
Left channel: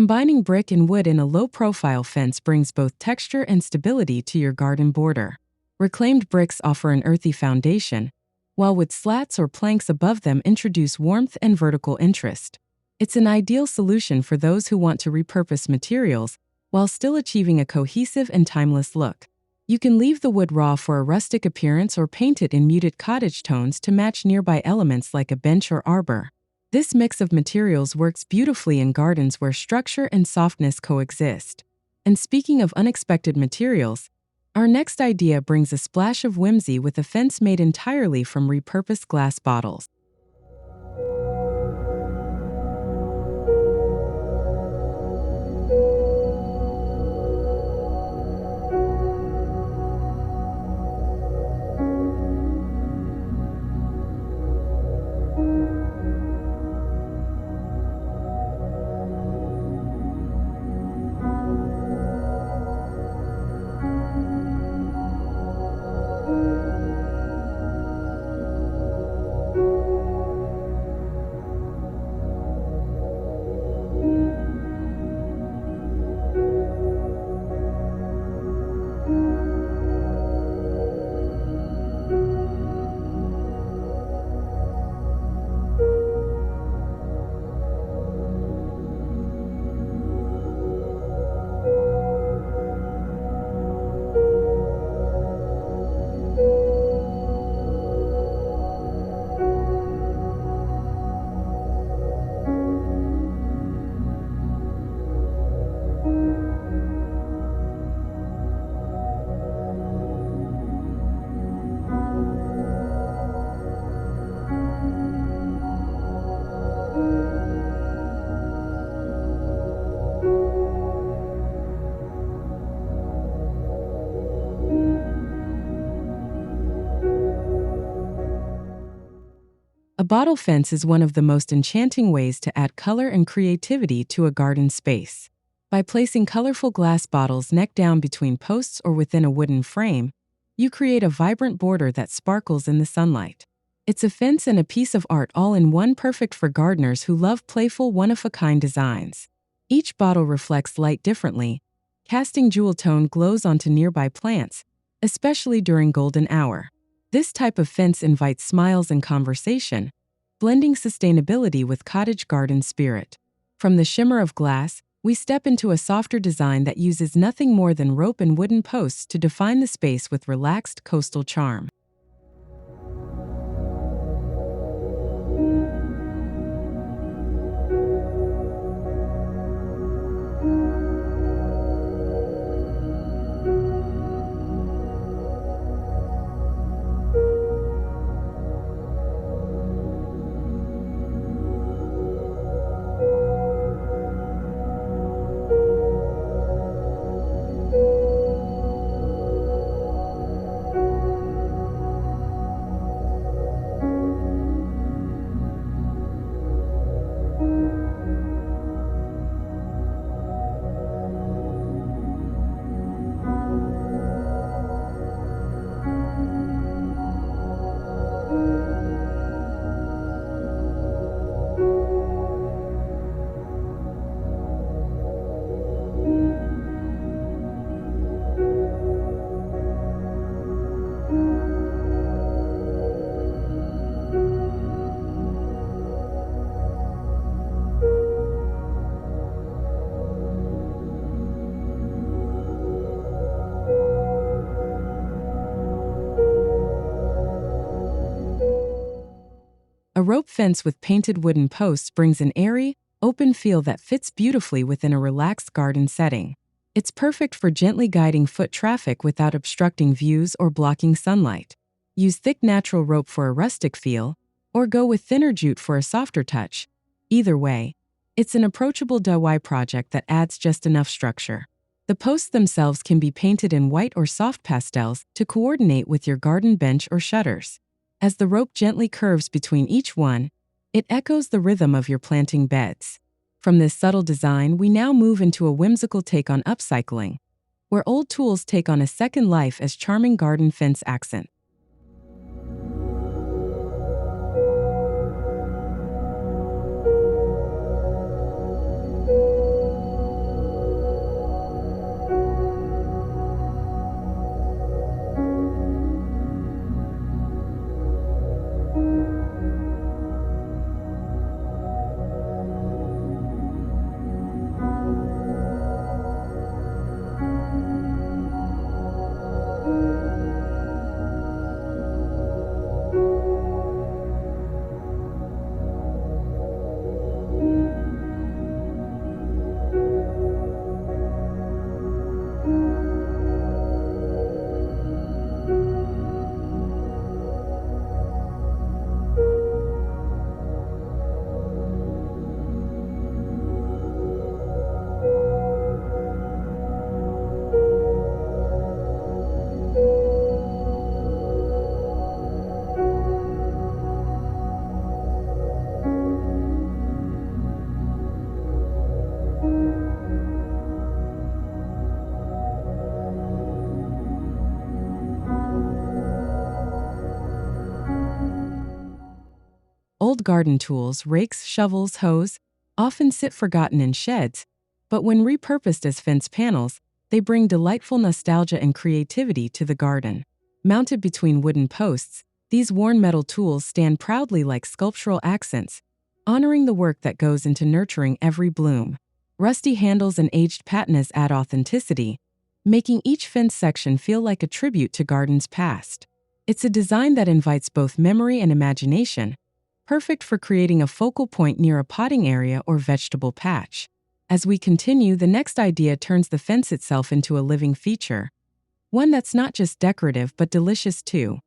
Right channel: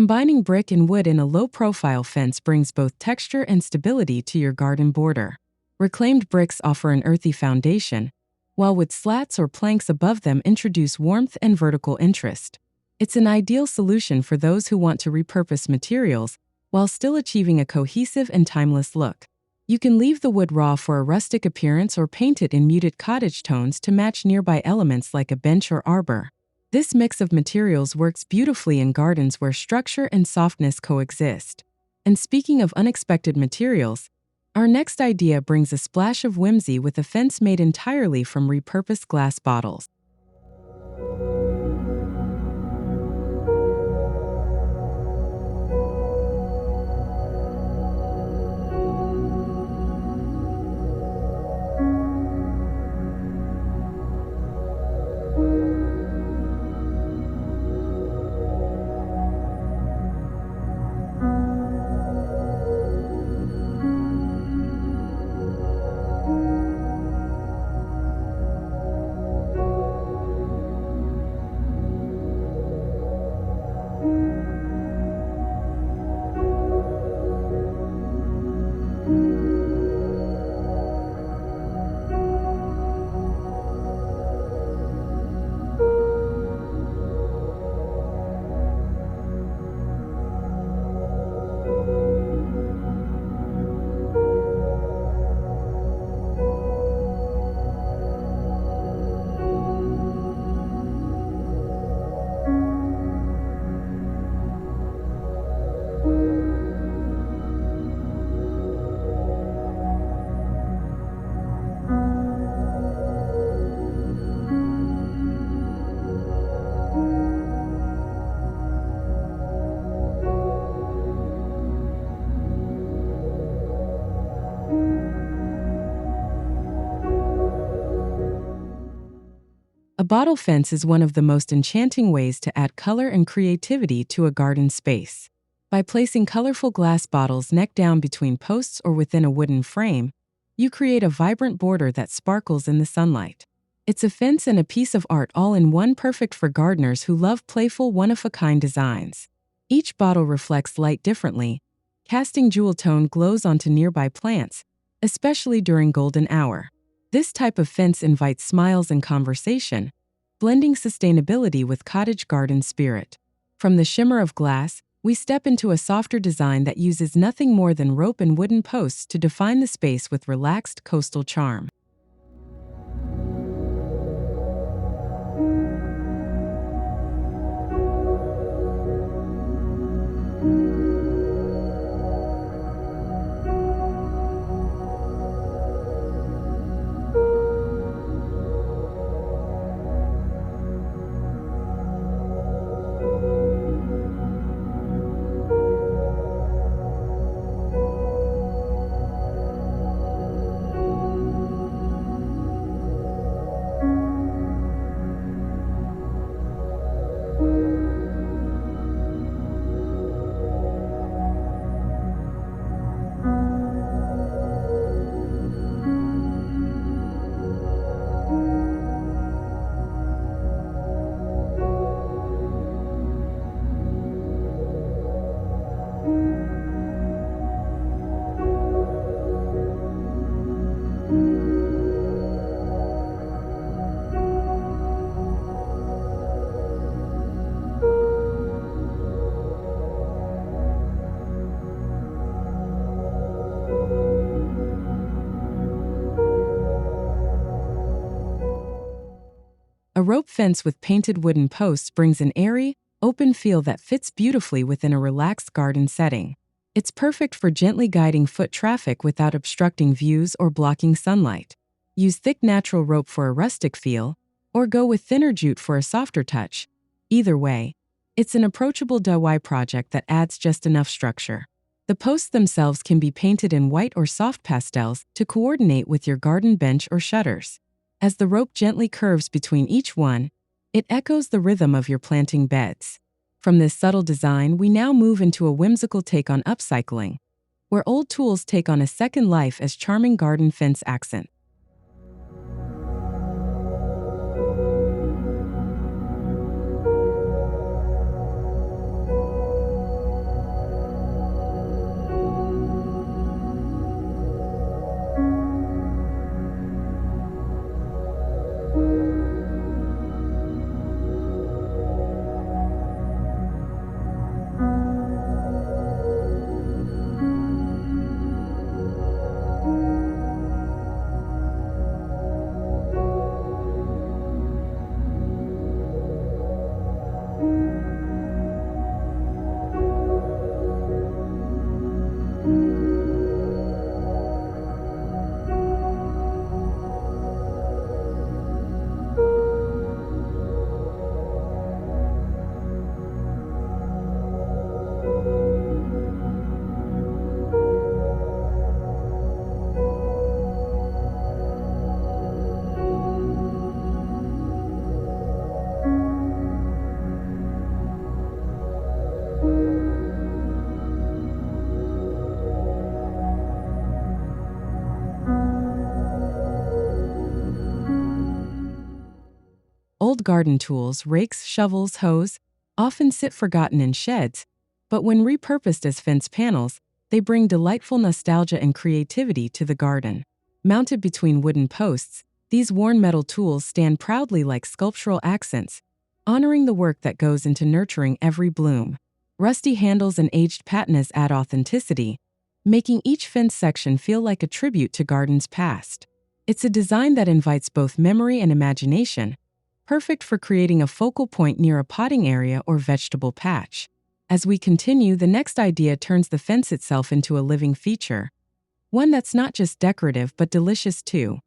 Combining brick and wood in a low-profile fence brings both texture and stability to your garden border. Reclaimed bricks offer an earthy foundation, while wood slats or planks above them introduce warmth and vertical interest. It's an ideal solution for those who want to repurpose materials while still achieving a cohesive and timeless look. You can leave the wood raw for a rustic appearance or paint it in muted cottage tones to match nearby elements like a bench or arbor. This mix of materials works beautifully in gardens where structure and softness coexist. And speaking of unexpected materials, our next idea brings a splash of whimsy with a fence made entirely from repurposed glass bottles. A bottle fence is one of the most enchanting ways to add color and creativity to a garden space. By placing colorful glass bottles neck down between posts or within a wooden frame, you create a vibrant border that sparkles in the sunlight. It's a fence and a piece of art all in one, perfect for gardeners who love playful, one-of-a-kind designs. Each bottle reflects light differently, casting jewel-tone glows onto nearby plants, especially during golden hour. This type of fence invites smiles and conversation, blending sustainability with cottage garden spirit. From the shimmer of glass, we step into a softer design that uses nothing more than rope and wooden posts to define the space with relaxed coastal charm. A rope fence with painted wooden posts brings an airy, open feel that fits beautifully within a relaxed garden setting. It's perfect for gently guiding foot traffic without obstructing views or blocking sunlight. Use thick natural rope for a rustic feel, or go with thinner jute for a softer touch. Either way, it's an approachable DIY project that adds just enough structure. The posts themselves can be painted in white or soft pastels to coordinate with your garden bench or shutters. As the rope gently curves between each one, it echoes the rhythm of your planting beds. From this subtle design, we now move into a whimsical take on upcycling, where old tools take on a second life as charming garden fence accent. Old garden tools, rakes, shovels, hoes, often sit forgotten in sheds, but when repurposed as fence panels, they bring delightful nostalgia and creativity to the garden. Mounted between wooden posts, these worn metal tools stand proudly like sculptural accents, honoring the work that goes into nurturing every bloom. Rusty handles and aged patinas add authenticity, making each fence section feel like a tribute to gardens past. It's a design that invites both memory and imagination, perfect for creating a focal point near a potting area or vegetable patch. As we continue, the next idea turns the fence itself into a living feature, one that's not just decorative but delicious too.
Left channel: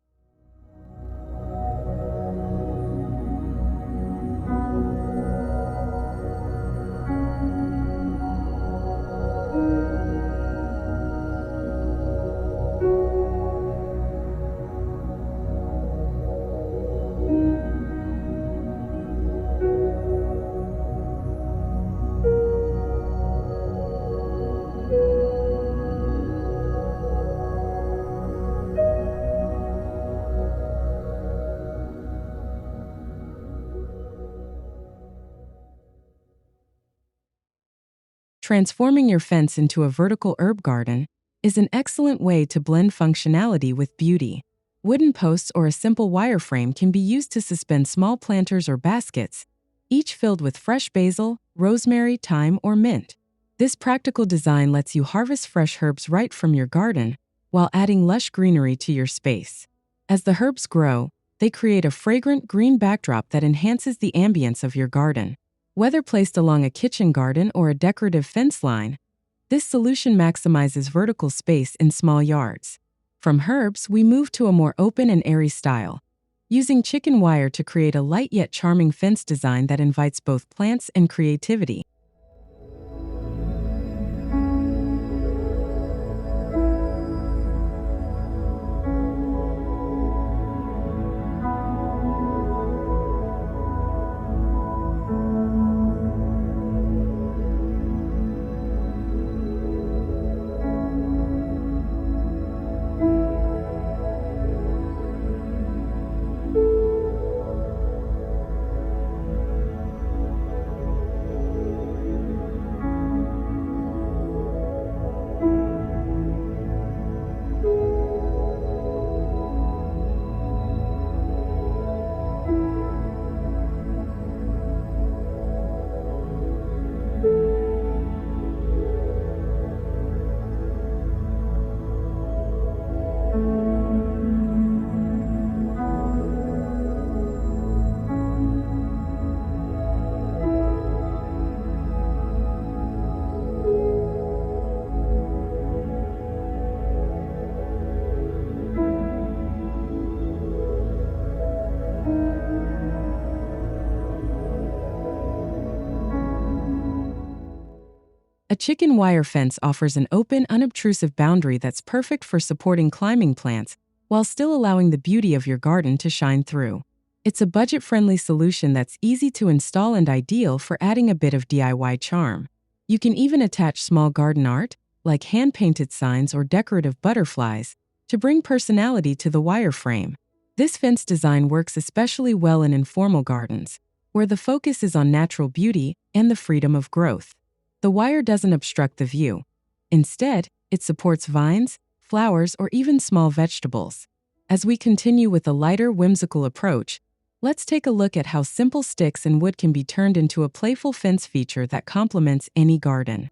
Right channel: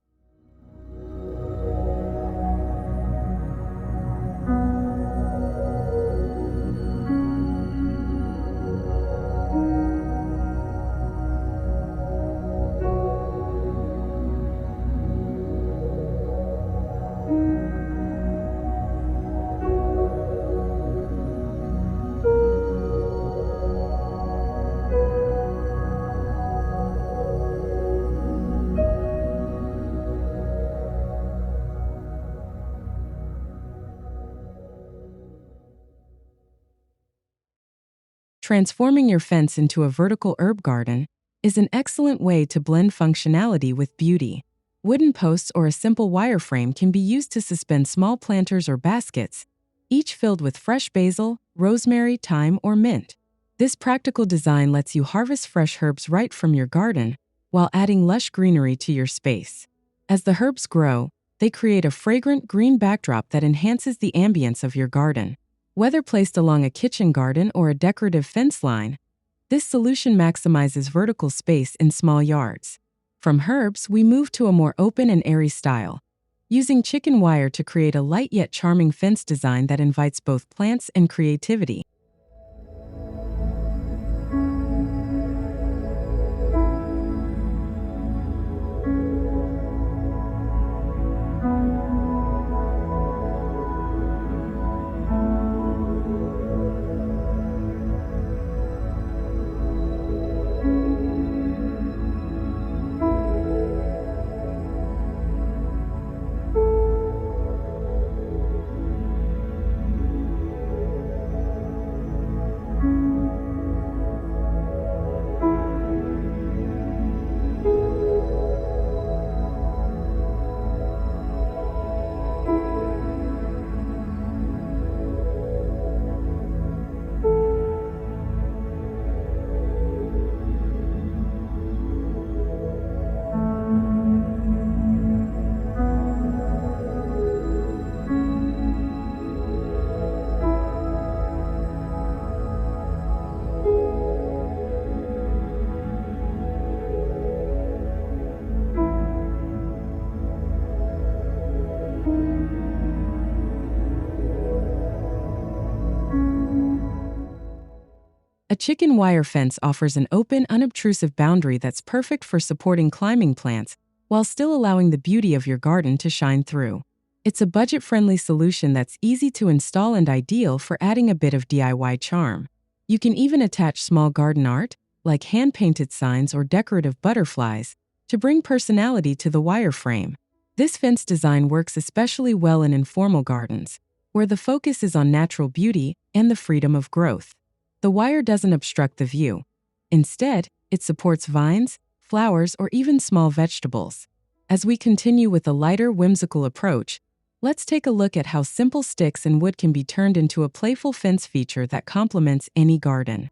Transforming your fence into a vertical herb garden is an excellent way to blend functionality with beauty. Wooden posts or a simple wireframe can be used to suspend small planters or baskets, each filled with fresh basil, rosemary, thyme, or mint. This practical design lets you harvest fresh herbs right from your garden while adding lush greenery to your space. As the herbs grow, they create a fragrant green backdrop that enhances the ambience of your garden. Whether placed along a kitchen garden or a decorative fence line, this solution maximizes vertical space in small yards. From herbs, we move to a more open and airy style, using chicken wire to create a light yet charming fence design that invites both plants and creativity. A chicken wire fence offers an open, unobtrusive boundary that's perfect for supporting climbing plants while still allowing the beauty of your garden to shine through. It's a budget-friendly solution that's easy to install and ideal for adding a bit of DIY charm. You can even attach small garden art, like hand-painted signs or decorative butterflies, to bring personality to the wireframe. This fence design works especially well in informal gardens, where the focus is on natural beauty and the freedom of growth. The wire doesn't obstruct the view. Instead, it supports vines, flowers, or even small vegetables. As we continue with a lighter, whimsical approach, let's take a look at how simple sticks and wood can be turned into a playful fence feature that complements any garden.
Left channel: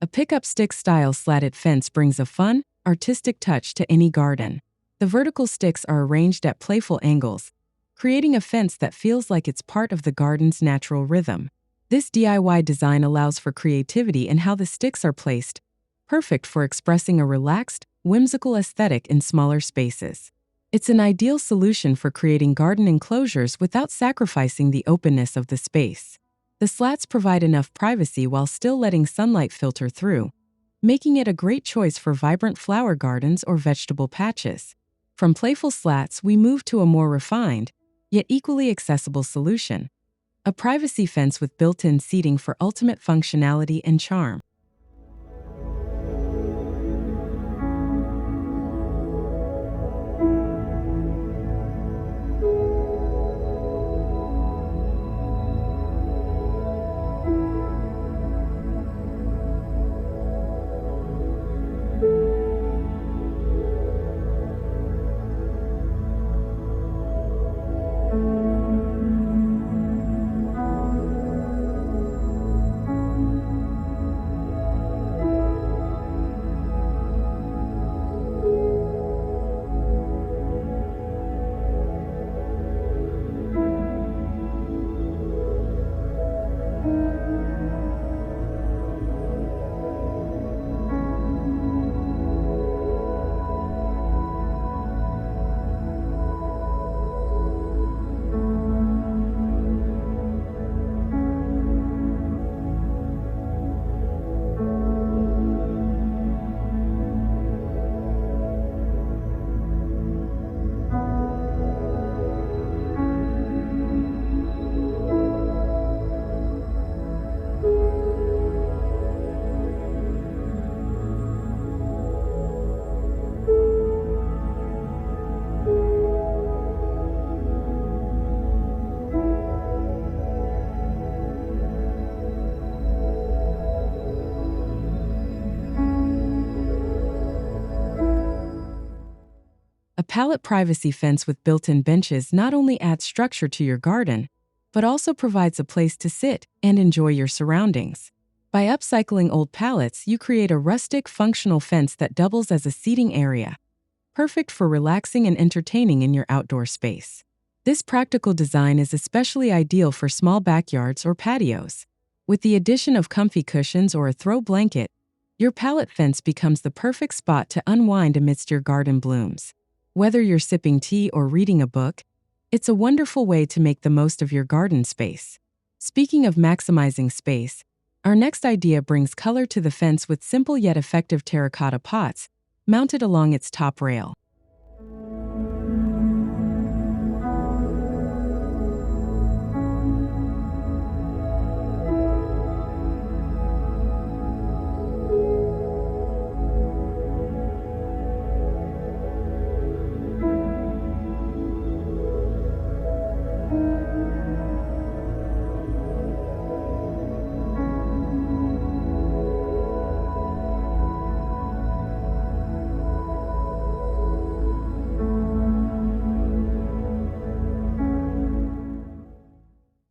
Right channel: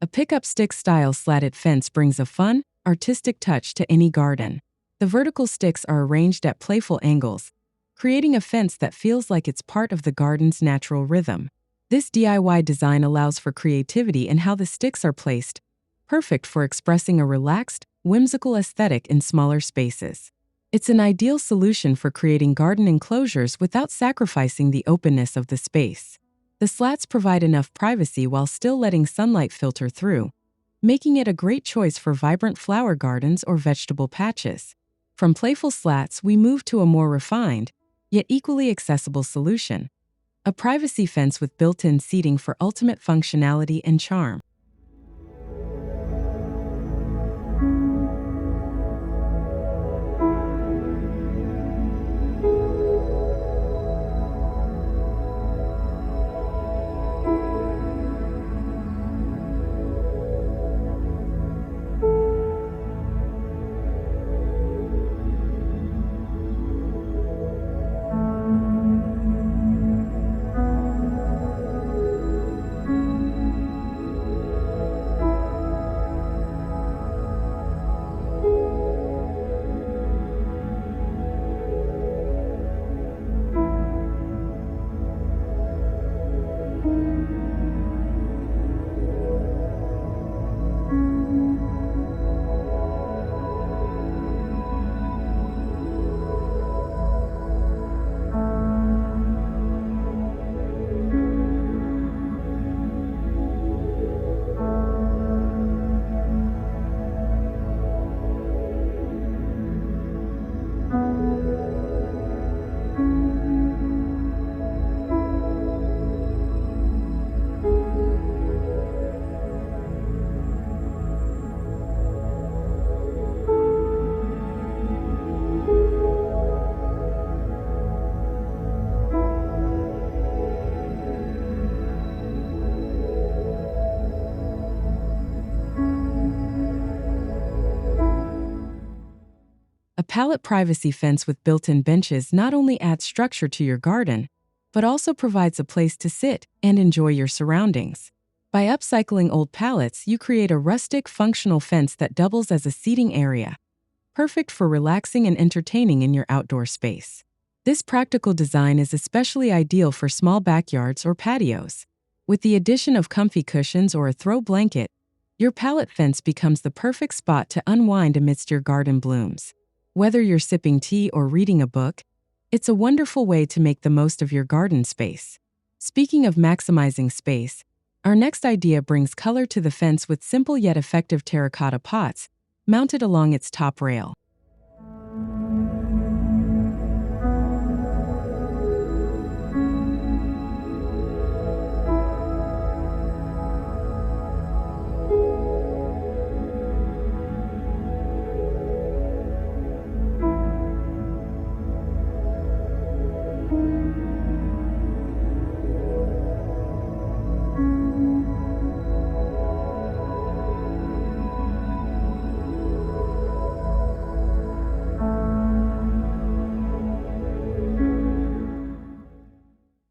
A pickup stick style slatted fence brings a fun, artistic touch to any garden. The vertical sticks are arranged at playful angles, creating a fence that feels like it's part of the garden's natural rhythm. This DIY design allows for creativity in how the sticks are placed, perfect for expressing a relaxed, whimsical aesthetic in smaller spaces. It's an ideal solution for creating garden enclosures without sacrificing the openness of the space. The slats provide enough privacy while still letting sunlight filter through, making it a great choice for vibrant flower gardens or vegetable patches. From playful slats, we move to a more refined, yet equally accessible solution: a privacy fence with built-in seating for ultimate functionality and charm. A pallet privacy fence with built-in benches not only adds structure to your garden, but also provides a place to sit and enjoy your surroundings. By upcycling old pallets, you create a rustic, functional fence that doubles as a seating area, perfect for relaxing and entertaining in your outdoor space. This practical design is especially ideal for small backyards or patios. With the addition of comfy cushions or a throw blanket, your pallet fence becomes the perfect spot to unwind amidst your garden blooms. Whether you're sipping tea or reading a book, it's a wonderful way to make the most of your garden space. Speaking of maximizing space, our next idea brings color to the fence with simple yet effective terracotta pots mounted along its top rail.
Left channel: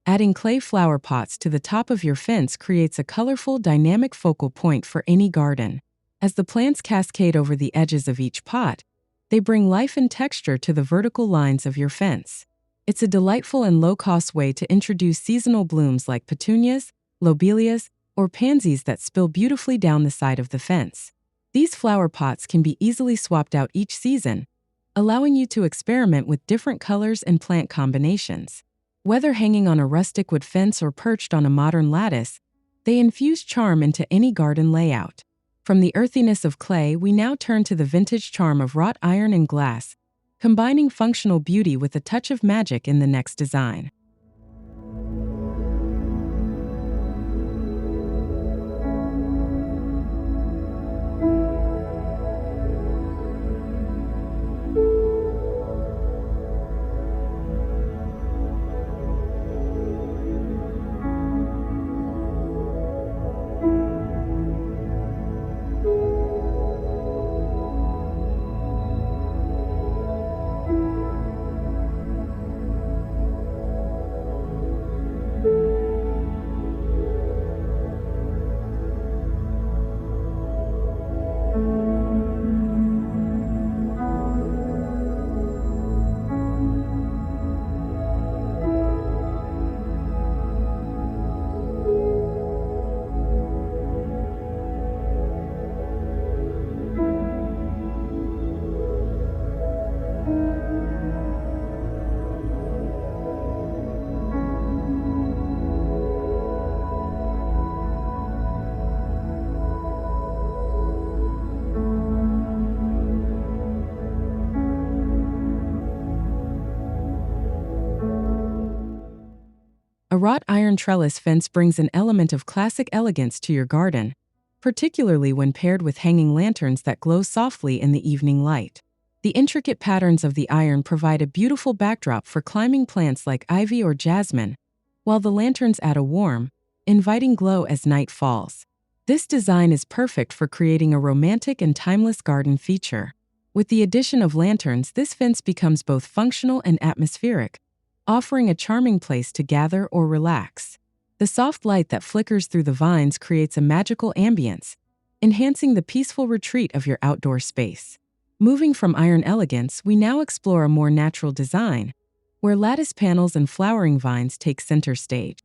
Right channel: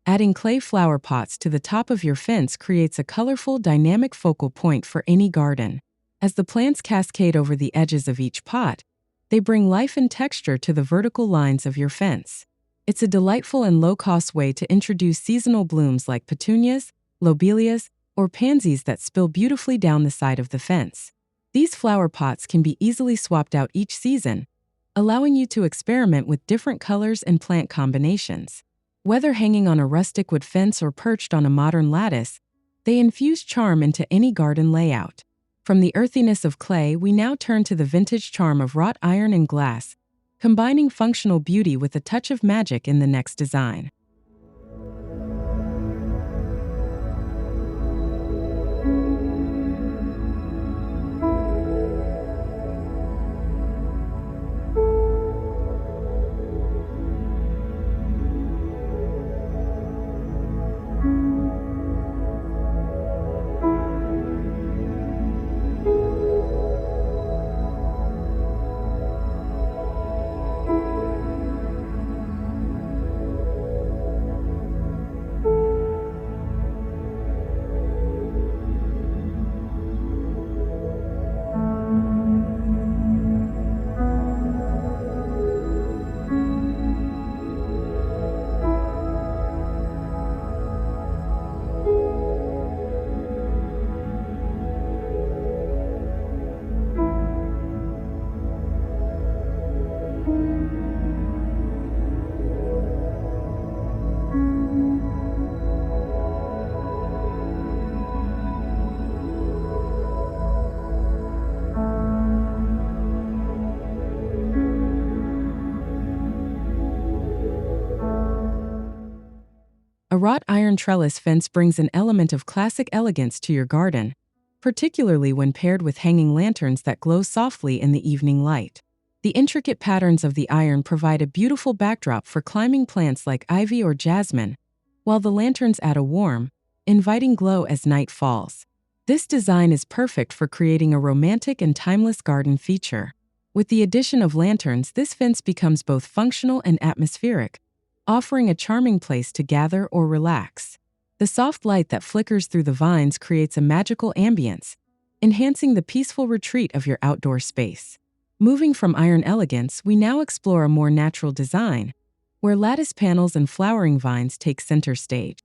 Adding clay flower pots to the top of your fence creates a colorful, dynamic focal point for any garden. As the plants cascade over the edges of each pot, they bring life and texture to the vertical lines of your fence. It's a delightful and low-cost way to introduce seasonal blooms like petunias, lobelias, or pansies that spill beautifully down the side of the fence. These flower pots can be easily swapped out each season, allowing you to experiment with different colors and plant combinations. Whether hanging on a rustic wood fence or perched on a modern lattice, they infuse charm into any garden layout. From the earthiness of clay, we now turn to the vintage charm of wrought iron and glass, combining functional beauty with a touch of magic in the next design. A wrought iron trellis fence brings an element of classic elegance to your garden, particularly when paired with hanging lanterns that glow softly in the evening light. The intricate patterns of the iron provide a beautiful backdrop for climbing plants like ivy or jasmine, while the lanterns add a warm, inviting glow as night falls. This design is perfect for creating a romantic and timeless garden feature. With the addition of lanterns, this fence becomes both functional and atmospheric, offering a charming place to gather or relax. The soft light that flickers through the vines creates a magical ambience, enhancing the peaceful retreat of your outdoor space. Moving from iron elegance, we now explore a more natural design, where lattice panels and flowering vines take center stage.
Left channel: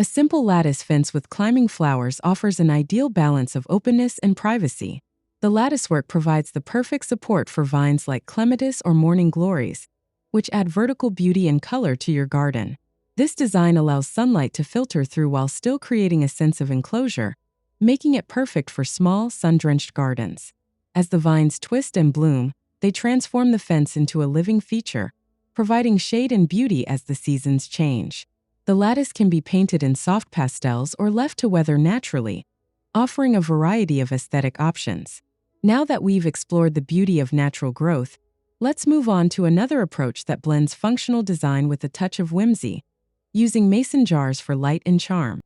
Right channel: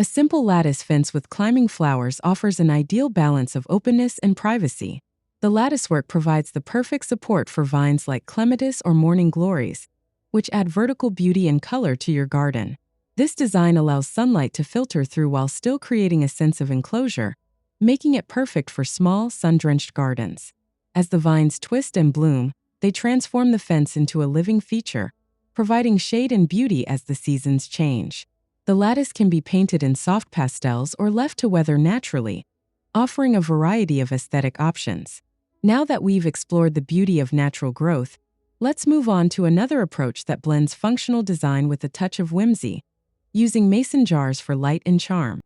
A simple lattice fence with climbing flowers offers an ideal balance of openness and privacy. The latticework provides the perfect support for vines like Clematis or morning glories, which add vertical beauty and color to your garden. This design allows sunlight to filter through while still creating a sense of enclosure, making it perfect for small, sun-drenched gardens. As the vines twist and bloom, they transform the fence into a living feature, providing shade and beauty as the seasons change. The lattice can be painted in soft pastels or left to weather naturally, offering a variety of aesthetic options. Now that we've explored the beauty of natural growth, let's move on to another approach that blends functional design with a touch of whimsy, using mason jars for light and charm.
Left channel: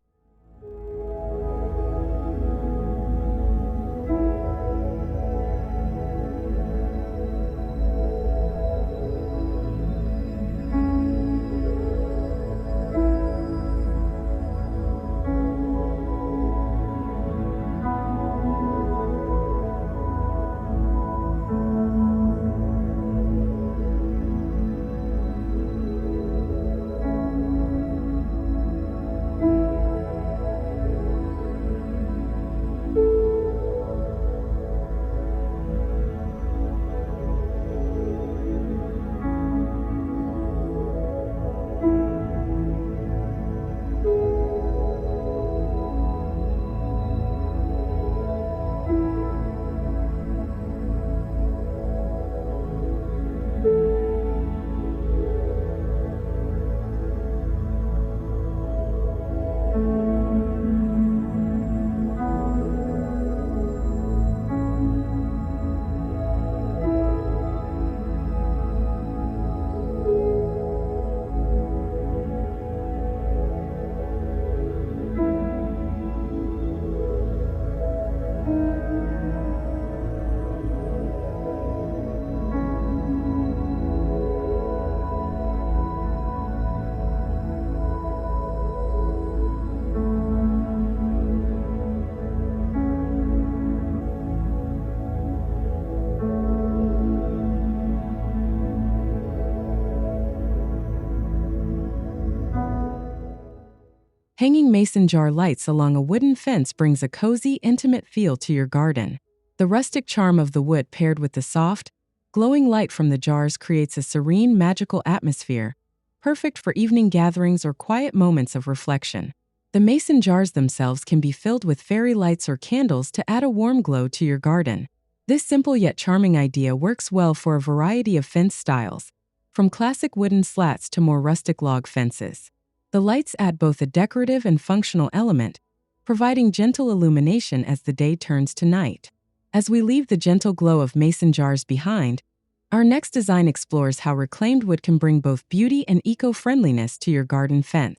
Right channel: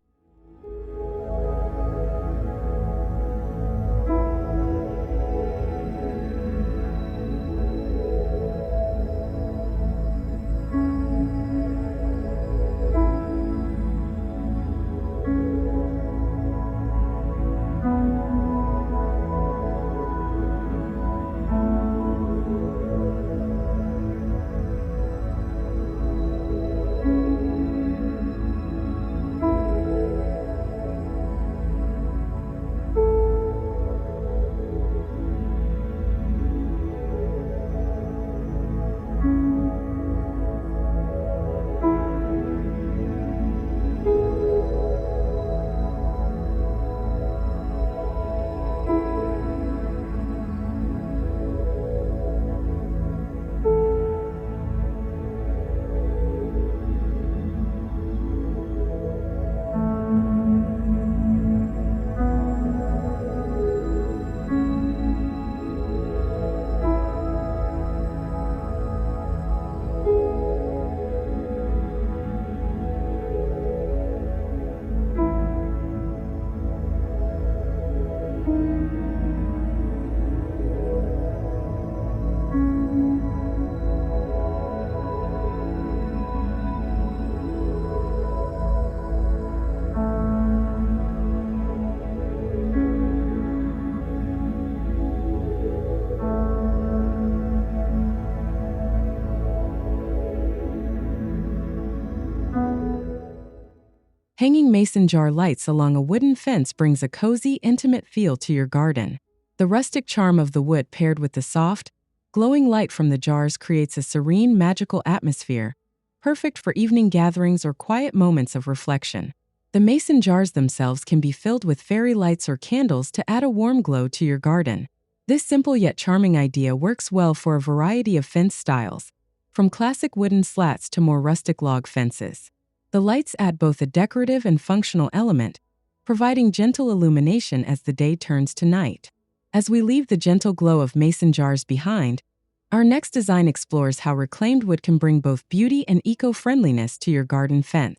Hanging mason jar lights along a wooden fence brings a cozy, intimate feel to your garden. The rustic charm of the wood paired with the soft, glowing light from the jars creates a serene, magical atmosphere, perfect for evening gatherings or quiet moments of reflection. The mason jars themselves can be filled with fairy lights or candles to add a warm glow to your garden. This simple yet charming idea works well for a variety of fence styles, from classic wooden slats to more rustic log fences. The lights add both a decorative and functional element, providing gentle illumination as the day turns to night. As we leave the gentle glow of mason jars behind, our next design explores how reclaimed wood can bring both beauty and eco-friendliness to your garden fence.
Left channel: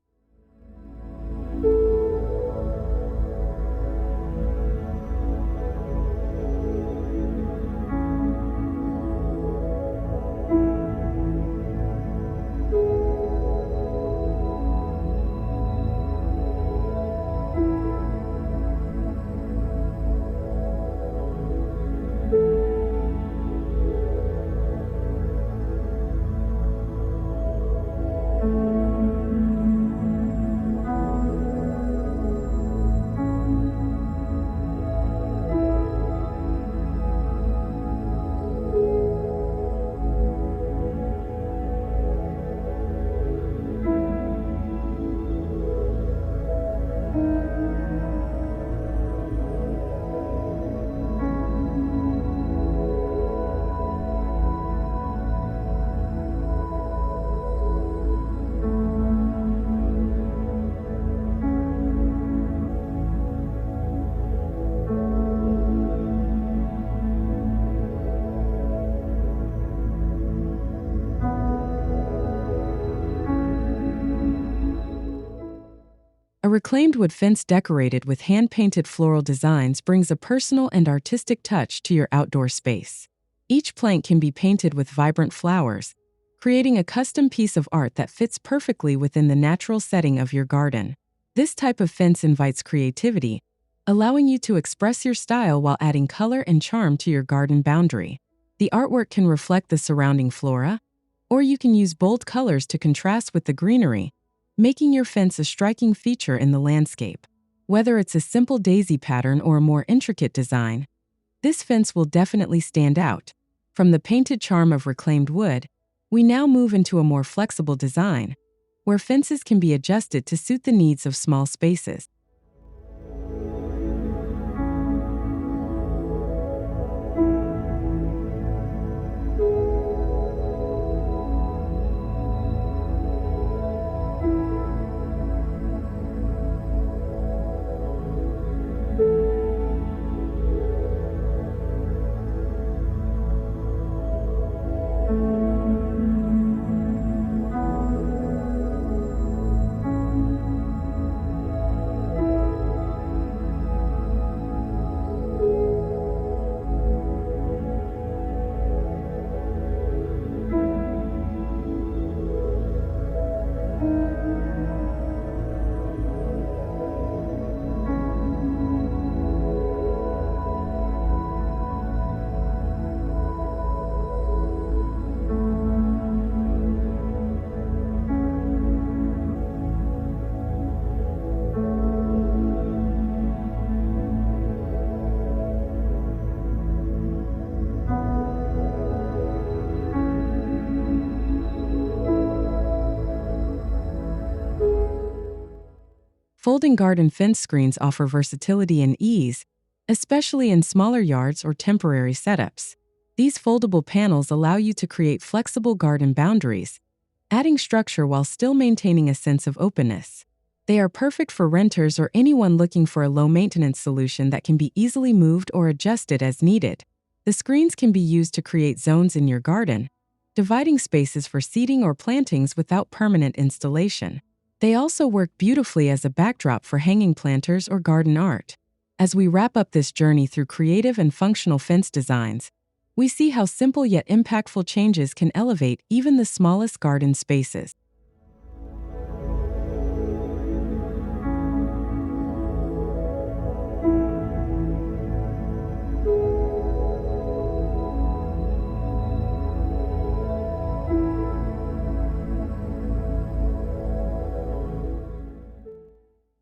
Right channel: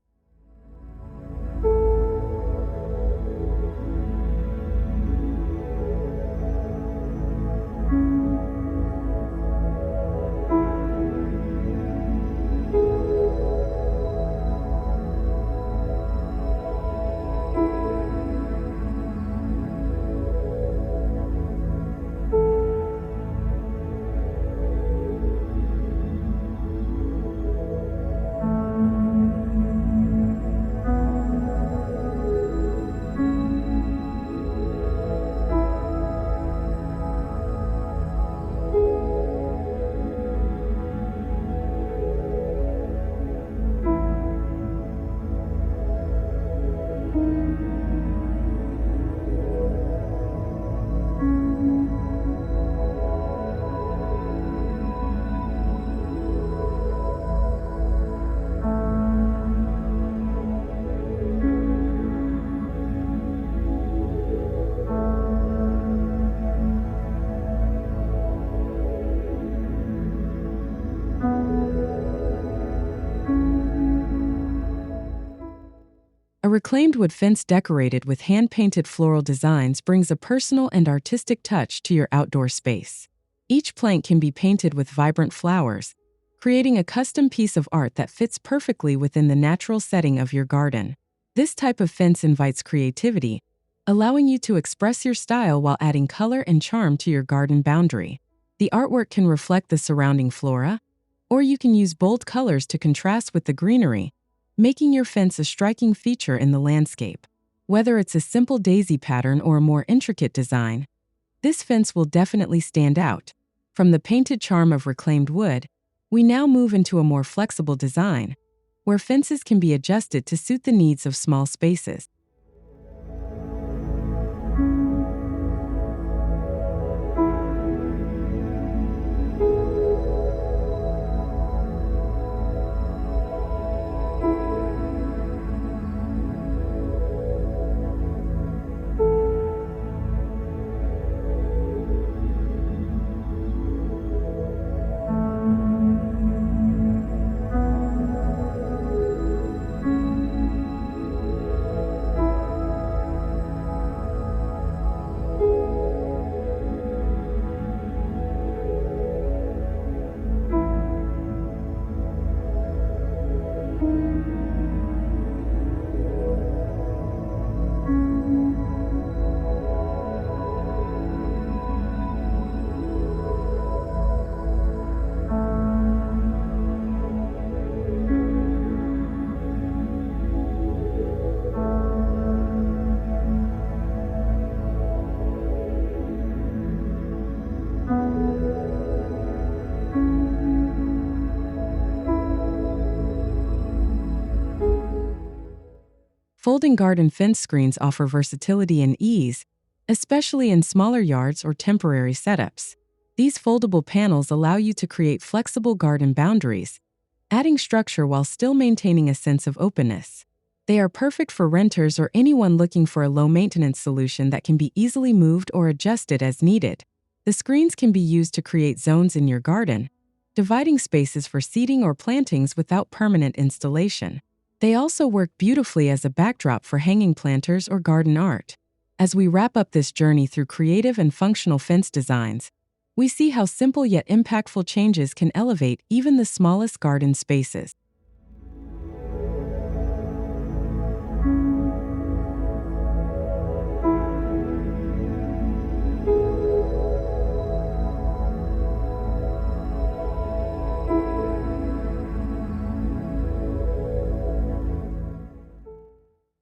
A reclaimed wood fence decorated with hand-painted floral designs brings a personal and artistic touch to your outdoor space. Each plank can be painted with vibrant flowers, creating a custom piece of art that fits perfectly within the natural setting of your garden. This type of fence invites creativity, allowing you to express your style while adding color and charm to your garden boundary. The artwork can reflect the surrounding flora, or you can use bold colors to contrast with the greenery, making your fence a striking feature in the landscape. Whether it's a simple daisy pattern or a more intricate design, this fence will definitely stand out. From the painted charm of reclaimed wood, we now move into a more flexible design, where fences can be adjusted to suit the needs of small spaces. Folding garden fence screens offer versatility and ease, especially in smaller yards or temporary setups. These foldable panels allow you to create flexible garden boundaries, adding structure while still maintaining a sense of openness. They are perfect for renters or anyone looking for a low-maintenance solution that can be easily moved or adjusted as needed. The screens can be used to create zones in your garden, dividing spaces for seating or plantings without permanent installation. They also work beautifully as a backdrop for hanging planters or garden art. As we wrap up this journey through creative and functional fence designs, we see how simple yet impactful changes can elevate even the smallest garden spaces.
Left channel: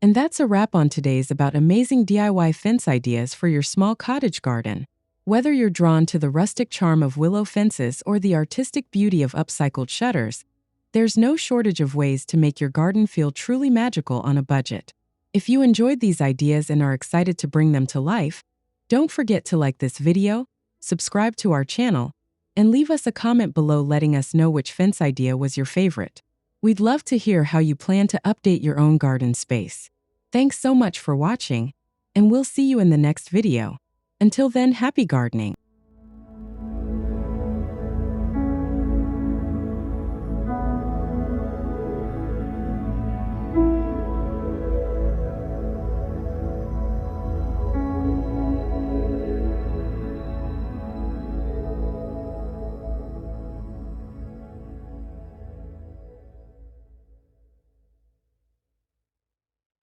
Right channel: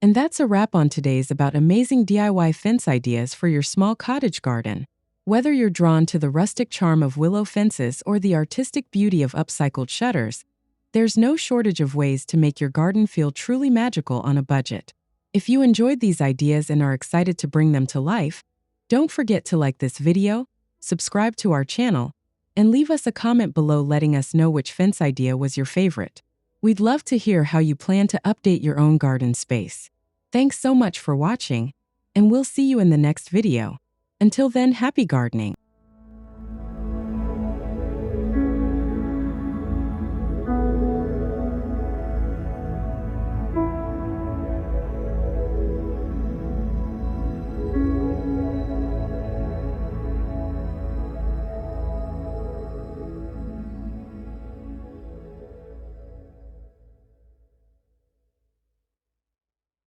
And that's a wrap on today's about amazing DIY fence ideas for your small cottage garden. Whether you're drawn to the rustic charm of willow fences or the artistic beauty of upcycled shutters, there's no shortage of ways to make your garden feel truly magical on a budget. If you enjoyed these ideas and are excited to bring them to life, don't forget to like this video, subscribe to our channel, and leave us a comment below letting us know which fence idea was your favorite. We'd love to hear how you plan to update your own garden space. Thanks so much for watching, and we'll see you in the next video. Until then, happy gardening!